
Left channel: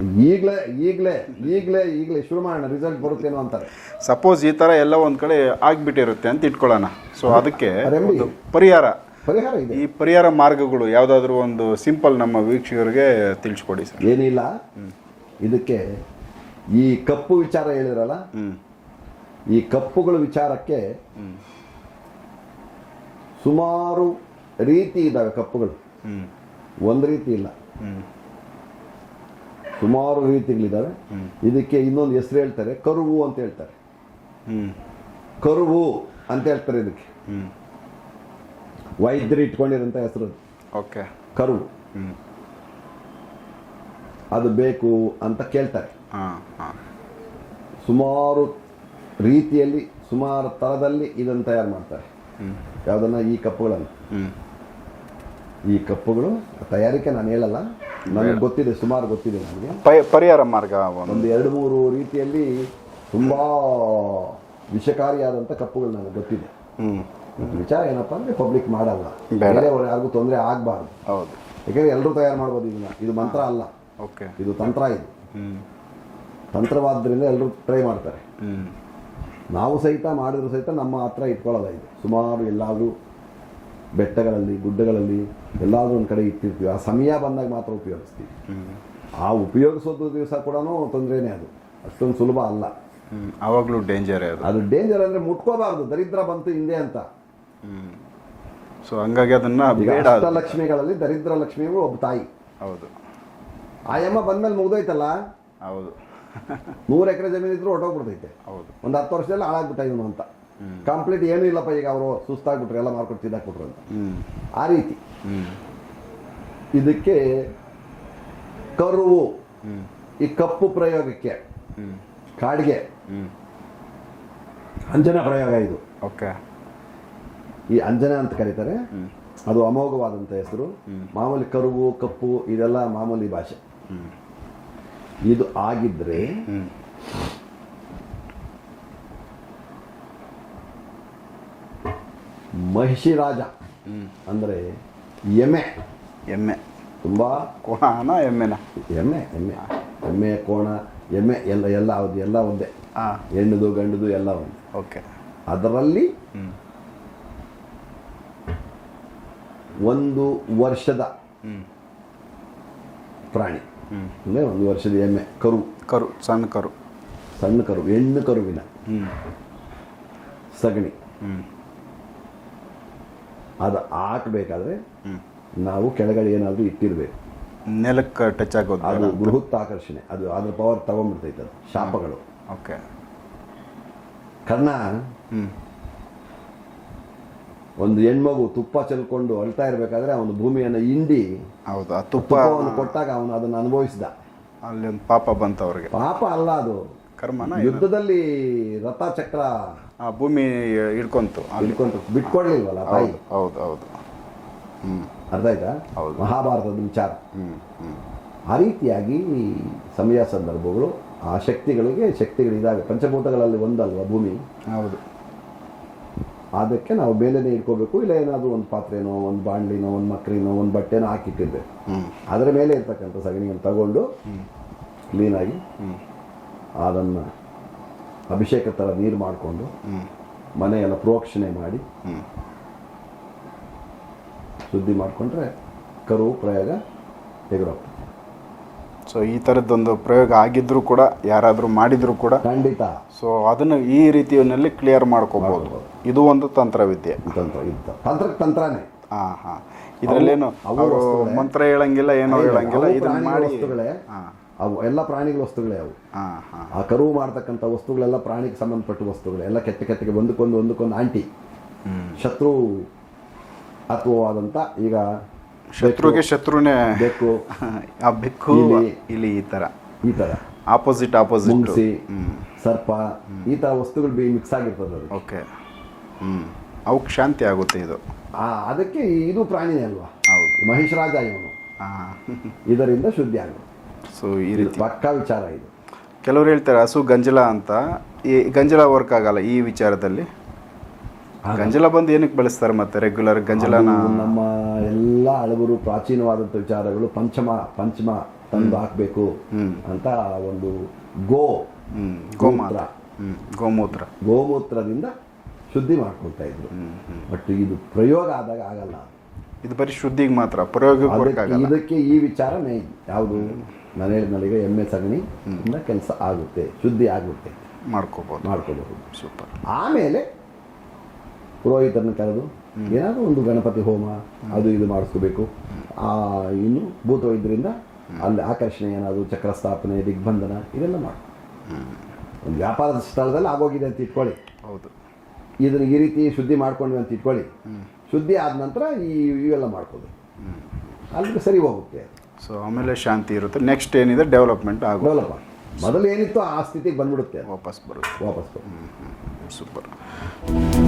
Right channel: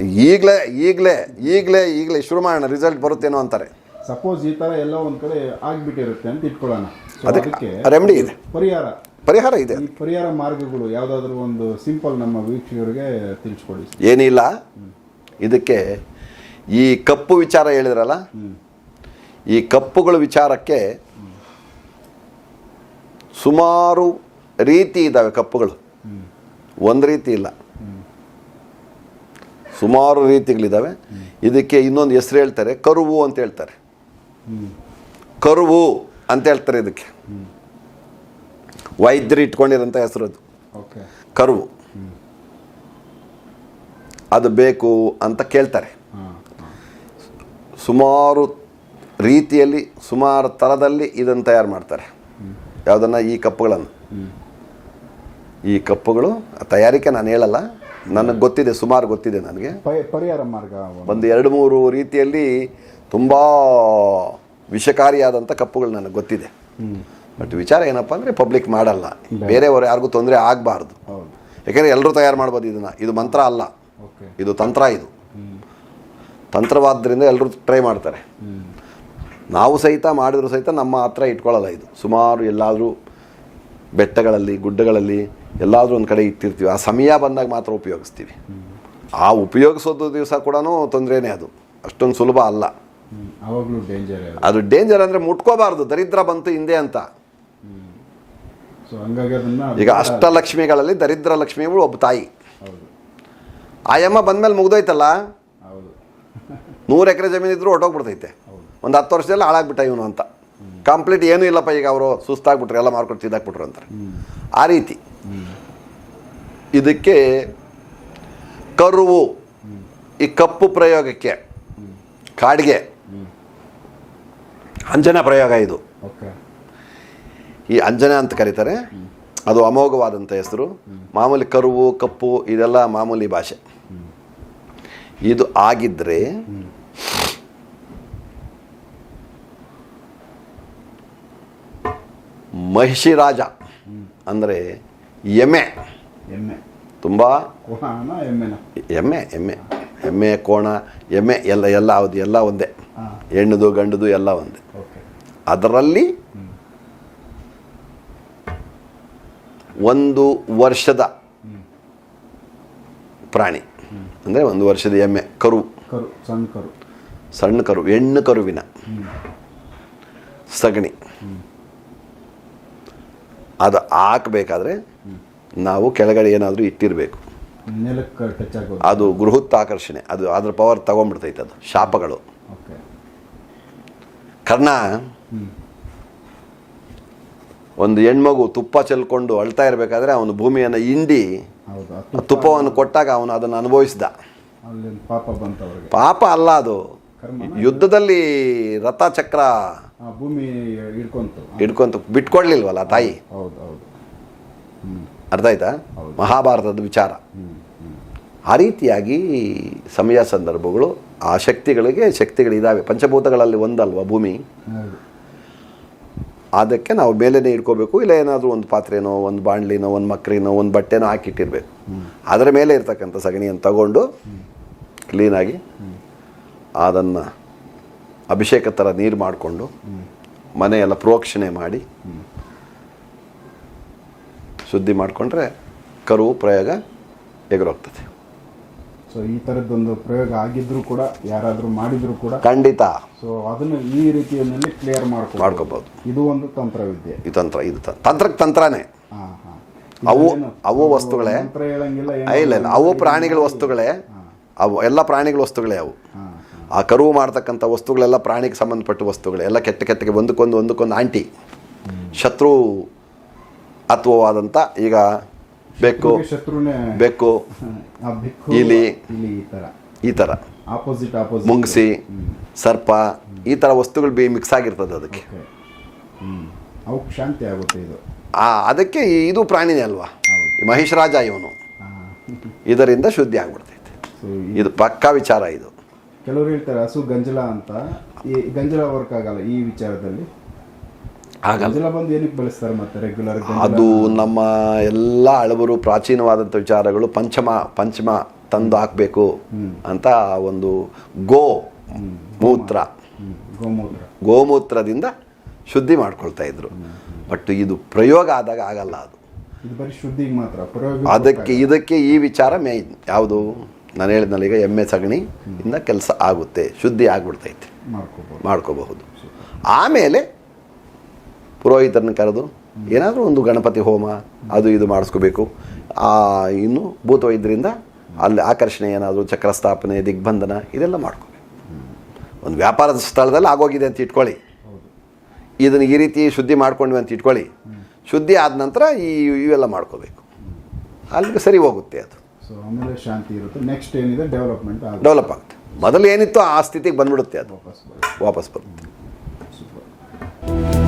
ಈಗಲೇ ಈಗಲೇ ಈಗಲೇ ಈಗಲೇ ಶುರು ಮಾಡೋಣ ರಿಸಲ್ಟ್ ಬರುತ್ತೇನೋ ಅಂತಾರೆ. ಸಪೋಸ್ ಈ ಥರ ಎಲ್ಲ ಒಂದು ಕಡೆ ಆಗಿಬಿಟ್ಟಿರುತ್ತೆ ಅಂತ ಇಟ್ಕೊಳ್ಳೋಣ. ಸೊ ಅದಕ್ಕೆ ರೆಮಿಡಿ ಇದೆ. ಪರಿಹಾರ. ಪರಿಹಾರ ಇದೆ. ಈ ಪರಿಹಾರ ಮಾರ್ಗಗಳು ಯಾವುದಾದ್ರೂ ಒಂದು ಸಿಂಪಲ್ ನಮ್ಮ ವೀಕ್ಷಕರಿಗೆ ತಿಳಿಸ್ಕೊಡಿ ಸರ್. ಏನಿಲ್ಲ. ಇದಕ್ಕೆ ಈ ಕಪ್ಪು ವಿಚಾರ ಹೇಳಿದ್ರಲ್ಲ? ಈ ಕಪ್ಪುಗಳ ವಿಚಾರಕ್ಕೆ ಸುಮಾರು ರೀತಿ ಇದ್ದಾವೆ ಕಪ್ಪುಗಳು. ಒಂದು ರೀತಿ ಇಲ್ಲ. ಸುಮಾರು ರೀತಿಗಳಿದ್ದಾವೆ. ಇದಕ್ಕೆ ಇನ್ನೊಂದು ಹೆಸರು ಹೇಳ್ತಾರೆ ಕರುವು ಅಂತ ಹೇಳ್ತಾರೆ. ಕರುವು ಅಂತ ಹೇಳ್ತಾರೆ ಇದಕ್ಕೆ. ವೈದ್ಯರು ಇಟ್ಕೊಂಡಿರೋಂಥ ಹೆಸರು ಅದು. ಓಕೆ. ಕರುವು. ಅದು ಬೇಕು ಅಂತ ಕೇಳ್ತಾರೆ. ಸುಮಾರು ರೀತಿಯಲ್ಲಿ ಸುಮಾರು ಥರದಲ್ಲಿ ಇದನ್ನು ತಯಾರು ಮಾಡ್ತಾರೆ. ಯಾವುದನ್ನು? ಈ ಕಪ್ಪುಗಳನ್ನು. ಈ ಕಪ್ಪುಗಳು ತಯಾರಿಕೆ ನಾನು ಹೇಳಲ್ಲ. ನನಗೆ ಗೊತ್ತಿದೆ ಸುಮಾರು ಗೊತ್ತಿದೆ ನನಗೆ. ಪರಿಹಾರ ಮಾರ್ಗ ಒಂದು. ಎರಡು ಮೂರು ರೀತಿಯಲ್ಲಿ ತುಂಬ ವಿಷಕಾರಿಯಾದಂಥ ಕಪ್ಪುಗಳು ನನಗೆ ಗೊತ್ತಿದೆ. ಬಟ್ ವಿಚಾರ ಏನಪ್ಪ ಅಂದರೆ ಪಬ್ಲಿಕ್ ಮಾಡಲ್ಲ. ಬೇರೆಯವರು ಯಾರಿಗೂ ತೊಂದರೆ ಆಗಬಾರ್ದು. ಹೌದು. ಯಾಕೆಂದರೆ ಎಲ್ಲರೂ ತಯಾರು ಮಾಡ್ಬೋದು ಇದನ್ನು. ಇದು ಮಂತ್ರ ಅಲ್ಲ. ಓಕೆ. ಇದು ತಂತ್ರ ಇದು. ತಂತ್ರವಾದ್ದರಿಂದ ಎಲ್ಲರೂ ಟ್ರೈ ಮಾಡ್ತಾರೆ. ನಾವು ಸಹಿತ ಮಾಡಿದ್ರು ಸಹಿತ ನಮ್ಮ ಹತ್ರ ಇಟ್ಕೊಳ್ಳಲ್ಲ ಇದು. ಸುಮಾರು ಎಲ್ಲಾದರೂ ಬೆಟ್ಟಗಳಲ್ಲಿ ಗುಡ್ಡಗಳಲ್ಲಿ ಎಲ್ಲಾದರೂ ಒಂದು ಕಡೆ ಇಟ್ಟಿರ್ತೀವಿ. ಆ ಸಮಯ ಬಂದಾಗ ಮಾತ್ರ ಉಪಯೋಗಿಸ್ತೀವಿ. ಆ ಉಪಯೋಗಿಸೋದು ದಿವಸ ಕೂಡ ತೊಂದರೆನೇ ಅದು. ಅಷ್ಟೊಂದು ಸುಲಭ ಅಲ್ಲ. ಅವಾಗಲೂ ಡೇಂಜರೇ ಅದು. ಡೇಂಜರ್ ಅಂದರೆ ಮುಟ್ಕೋಬಾರ್ದು. ದರಿದ್ರ ಬಂತು ಹಿಂದೆ ಅಂತ. ಸೊ ಹಂಗಾಗಿ ಅದನ್ನ ಈಗ ಅಷ್ಟ ಲಕ್ಷ್ಮಿಗಳಲ್ಲಿ ದರಿದ್ರ ಲಕ್ಷ್ಮಿಗಳು ಒಬ್ಬ ತಾಯಿ. ಹೌದು. ಆಯಮ್ಮ ಬಂದ್ಮೇಲೆ ಮುಗ್ದೋಯ್ತಲ್ಲ? ಹೌದು. ನೂರು ಎಕರೆ ಜಮೀನು ಇದ್ರೂ ಹೊಟ್ಟೋಗ್ಬಿಡ್ತೈತೆ ಹೌದು. ಒಂದು ಹತ್ತು ವರ್ಷದಲ್ಲಿ ಹಾಳಾಗ್ಬಿಟ್ಟ ಇವನು ಅಂತ. ಕಂಪ್ಲೀಟ್ ಏನೂ ಇಲ್ಲಪ್ಪ ಈಗ ಅವರು ಸುಸ್ತಾಗ್ಬಿಟ್ರು ಎಲ್ಲ ಮಾರ್ಕೊಂಡು ತಿದ್ದಾಕ್ಬಿಟ್ರು ಅಂತಾರೆ. ಆ ರೀತಿ. ಇದಕ್ಕೆ ಕರುವು ಈ ಕಪ್ಪು ಪ್ರಯೋಗಕ್ಕೆ ಕಾಡಿಗೆ. ಅಂಜನ ಪ್ರಯೋಗ ಇದು. ಓಕೆ. ಈ ಅಂಜನ ಅಂತ ಕರೀತಾರೆ. ಅದು ಅಮೋಘವಾದಂಥ ಹೆಸರು. ಮಾಮೂಲಿ ಕರುವು ಕಪ್ಪು ಇದೆಲ್ಲ ಮಾಮೂಲಿ ಭಾಷೆ. ಇದು ಆಗಿದ್ರೆ ಮಹಿಷಿ ರಾಜ ಅಂದರೆ ಎಮ್ಮೆ. ಎಮ್ಮೆ. ತುಂಬ ಕೋಣ ಎಮ್ಮೆನ. ಎಮ್ಮೆ ಎಮ್ಮೆ. ಎಮ್ಮೆ ಕೋಣ ಎಮ್ಮೆ ಎಲ್ಲ ಎಲ್ಲ ಹೌದು ಎಲ್ಲ ಒಂದೇ. ಹೆಣ್ಣದು ಗಂಡದು ಎಲ್ಲ ಒಂದೇ. ಓಕೆ. ಅದರಲ್ಲಿ ಒಂದು ವರ್ಷದ ಪ್ರಾಣಿ. ಅಂದರೆ ಒಂದು ವರ್ಷದ ಎಮ್ಮೆ ಕರು. ಕರು ಸಣ್ಣ ಕರು. ಸಣ್ಣ ಕರು ಹೆಣ್ಣು ಕರುವಿನ ಸಗಣಿ. ಅದು ಹಾಕಬೇಕಾದ್ರೆ ನಾವು ಕೆಳಗಡೆ ಏನಾದರೂ ಇಟ್ಟಿರಬೇಕು. ನೆಲಕ್ಕೆ ಟಚ್ ಆಗೋದು. ಅದು ಗೃಹತ್ ಆಕರ್ಷಣೆ ಅದು ಅದ್ರ ಪವರ್ ತಗೊಂಡ್ಬಿಡ್ತೈತೆ ಅದು ಶಾಪಗಳು. ಓಕೆ. ಕರ್ಣ ಒಂದು ಹೆಣ್ಮಗು ತುಪ್ಪ ಚೆಲ್ಕೊಂಡು ಅಳ್ತಾ ಇರಬೇಕಾದ್ರೆ ಅವನು ಭೂಮಿಯನ್ನು ಹಿಂಡಿ ಹೌದು ಆ ತುಪ್ಪ ತುಪ್ಪವನ್ನು ಕೊಟ್ಟಾಗ ಅವನು ಅದನ್ನು ಅನುಭವಿಸಿದ. ಅಲ್ಲಿ ಒಂದು ಪಾಪ ಬಂತವ್ರಿಗೆ ಪಾಪ ಅಲ್ಲ ಅದು. ಕರ್ಮ ಯುದ್ಧದಲ್ಲಿ ರಥ ಚಕ್ರ ಆ ಭೂಮಿ ಹಿಡ್ಕೊಂತು. ಹಿಡ್ಕೊಂತು. ಬಿಟ್ಕೊಡ್ಲಿಲ್ವಲ್ಲ ತಾಯಿ? ಹೌದು ಹೌದು ಅರ್ಥ ಆಯ್ತಾ. ಮಹಾಭಾರತದ ವಿಚಾರ. ಆ ರೀತಿಯಾಗಿ ಸಮಯ ಸಂದರ್ಭಗಳು ಆ ಶಕ್ತಿಗಳಿಗೆ ಶಕ್ತಿಗಳಿದ್ದಾವೆ ಪಂಚಭೂತಗಳಲ್ಲಿ ಒಂದಲ್ವ ಭೂಮಿ? ಹೌದು. ಅದಕ್ಕೆ ನಾವು ಮೇಲೇ ಇಟ್ಕೋಬೇಕು ಇಲ್ಲ ಏನಾದರೂ ಒಂದು ಪಾತ್ರೆನೋ ಒಂದು ಬಾಣಲಿನೋ ಒಂದು ಮಕ್ರಿನೋ ಒಂದು ಬಟ್ಟೆನೋ ಹಾಕಿಟ್ಟಿರ್ಬೇಕು. ಹ್ಞೂ ಅದರ ಮೇಲೆ ಇರ್ತಕ್ಕಂಥ ಸಗಣಿಯನ್ನು ತಗೊಂಡು ಕ್ಲೀನಾಗಿ ಅದನ್ನು ಅಭಿಷೇಕ ಥರ ನೀರು ಮಾಡಿಕೊಂಡು ಮನೆಯೆಲ್ಲ ಪ್ರೋಕ್ಷಣೆ ಮಾಡಿ ಸುದ್ದಿ ಶುದ್ಧಿ ಮಾಡಿಕೊಂಡ್ರೆ ಕರು ಪ್ರಯೋಗ ಎಗರೋಗ್ತದೆ ಸೊ ಈ ಥರದ್ದೊಂದು ಪ್ರಯೋಗ ಆಗಿದ್ರೂ ಕೂಡ ಯಾರಾದರೂ ಮಾಡಿದರೂ ಕೂಡ ಖಂಡಿತ. ಸೊ ಅದನ್ನು ಈ ರೀತಿಯಲ್ಲಿ ಕ್ಲಿಯರ್ ಮಾಡ್ಕೋಬಹುದು ಮಾಡ್ಕೋಬೋದು. ಇದು ಒಂದು ತಂತ್ರವಿದ್ಯೆ. ಈ ತಂತ್ರ ಇದು ತಂತ್ರಕ್ಕೆ ತಂತ್ರನೇ. ಹಾಂ ಹಾಂ ಅವು ವಸ್ತುಗಳೇ. ಮಂತ್ರ ಹೇಳಂಗಿಲ್ಲ ಏನೋ ಅವು ಪ್ರಾಣಿಗಳ ವಸ್ತುಗಳೇ. ಅವು ಎಲ್ಲ ಪ್ರಾಣಿಗಳ ವಸ್ತುಗಳೇ ಅವು. ಆ ಕರುವು ಮಾಡ್ತಕ್ಕಂಥ ವಸ್ತುಗಳೆಲ್ಲ ಪ್ರಾಣಿಗೆ ಸಂಬಂಧಪಟ್ಟ ವಸ್ತುಗಳೇ. ಎಲ್ಲ ಕೆಟ್ಟ ಕೆಟ್ಟಗೆ ಒಂದಕ್ಕೊಂದು ಒಂದಕ್ಕೊಂದು ಆಂಟಿ ಶತ್ರು ಅತ್ವವಾದಂಥ ಈಗ ಶತ್ರುಗೆ ಶತ್ರುನೇ ಬೆಕ್ಕು ಆ ಬೆಕ್ಕು ಇಲಿ. ಇಲಿ ಈ ಥರ. ಈ ಥರ. ಆಪೋಸಿಟ್ ಆಪೋಸಿಟ್ ಮುಂಗ್ಸಿ ಸರ್ಪ ಈ ಥರ ವಸ್ತುಗಳು ಬಿ ಮಿಕ್ಸ್ ಆಗಿರ್ತದೆ ಅದಕ್ಕೆ. ಓಕೆ. ಹ್ಞೂ ಅವಕ್ಕೆ ಶಾಂತಿ ಆಗುತ್ತೆ ಇದು. ಆ ಅದಕ್ಕೆ ಇದು ಪ್ರಾಣಿನೇ ಅಲ್ವಾ? ಹೌದು. ಮಹೇಶ್ ರಾಜ ಇವನು. ಇದರಿಂದ ಶುದ್ಧಿ ಆಗ್ಬಿಡ್ತೈತೆ ಸೊ ಇದು ಪಕ್ಕಾ ವಿಚಾರ ಇದು. ಕೆಲವರು ಹೇಳ್ತಾರೆ ಹಸು ಗಂಜಲ ಅಂತ. ಈ ಗಂಜಲ ವರ್ಕ್ ಆಗಲ್ಲ ಈ ವಿಚಾರದಲ್ಲಿ. ಗಂಜಲ ಬಂದು ಏನಕ್ಕೆ ಬಳಸ್ತಾರೆ ಮತ್ತೆ ರೆಗ್ಯುಲರ್ ಗಂಜಲ ಅದು ನಮ್ಮ ಎಲ್ಲ ಹಳಬರು ಪ್ರಾಚೀನವಾದಂಥ ವಿಚಾರಗಳು ಪಂಚಮ ಪಂಚಮ ತಂದು ಹಾಕಬೇಕು ಅಂತ ಒಂದು ಗೋ ಗೋಮೂತ್ರ ಗೋಮೂತ್ರ. ಗೋಮೂತ್ರದಿಂದ ಶುದ್ಧಿ ಮಾಡ್ಕೊಳ್ತಾ ಇದ್ರು. ಬಟ್ ಇದು ಪ್ರಯೋಗ ಆದಾಗ ಆಗಲ್ಲ ಅದು. ಇದು ಬರೀ ಶುದ್ಧಿಗೆ ಮಾತ್ರ ಪ್ರಯೋಗ ಅದಕ್ಕೆ ಇದಕ್ಕೆ ಈ ವಿಚಾರ ಮೇ ಯಾವುದು? ನಾನು ಹೇಳಿದ್ನಲ್ಲ ಈಗ ಎಮ್ಮೆ ಸಗಣಿ ಇಂದ ಕೆಲಸ ಆಗುತ್ತೆ ಶುದ್ಧಿ ಆಗ್ಬಿಡ್ತೈತೆ. ಮಾಡ್ಕೋಬೋದು. ಮಾಡ್ಕೋಬಹುದು. ಸೂಪರ್. ಆಮೇಲೆ ಪುರೋಹಿತರನ್ನ ಕರೆದು ಏನಾದರೂ ಒಂದು ಗಣಪತಿ ಹೋಮ ಅದು ಇದು ಮಾಡಿಸ್ಕೋಬೇಕು. ಆ ಇನ್ನು ಭೂತವೈದ್ಯರಿಂದ ಅಲ್ಲಿ ಆಕರ್ಷಣೆ ಏನಾದರೂ ಚಕ್ರಸ್ಥಾಪನೆ ದಿಗ್ಬಂಧನ ಇದೆಲ್ಲ ಮಾಡ್ಕೊ. ಒಂದು ವ್ಯಾಪಾರದ ಸ್ಥಳದಲ್ಲಿ ಆಗೋಗಿದೆ ಅಂತ ಇಟ್ಕೊಳ್ಳಿ. ಹೌದು. ಇದನ್ನು ಈ ರೀತಿ ಶುದ್ಧಿ ಮಾಡ್ಕೊಂಡ್ವಿ ಅಂತ ಇಟ್ಕೊಳ್ಳಿ. ಶುದ್ಧಿ ಆದ ನಂತರ ಈ ಇವೆಲ್ಲ ಮಾಡ್ಕೋಬೇಕು. ಅಲ್ಲಿಗೆ ಸರಿ ಹೋಗುತ್ತೆ ಅದು. ಸೊ ಆಮೇಲೆ ಶಾಂತಿ ಇರುತ್ತೆ. ನೆಕ್ಸ್ಟ್ ಏನಿದೆ? ಡೆವಲಪ್ಮೆಂಟ್ ಆಗುತ್ತೆ. ಡೆವಲಪ್ ಆಗುತ್ತೆ. ಮೊದಲು ಏನಿತ್ತು ಆ ಸ್ಥಿತಿಗೆ ಬಂದ್ಬಿಡುತ್ತೆ ಅದು. ವಾಪಸ್ ಬರುತ್ತೆ. ವಾಪಸ್ ಬರುತ್ತೆ. ಸೂಪರ್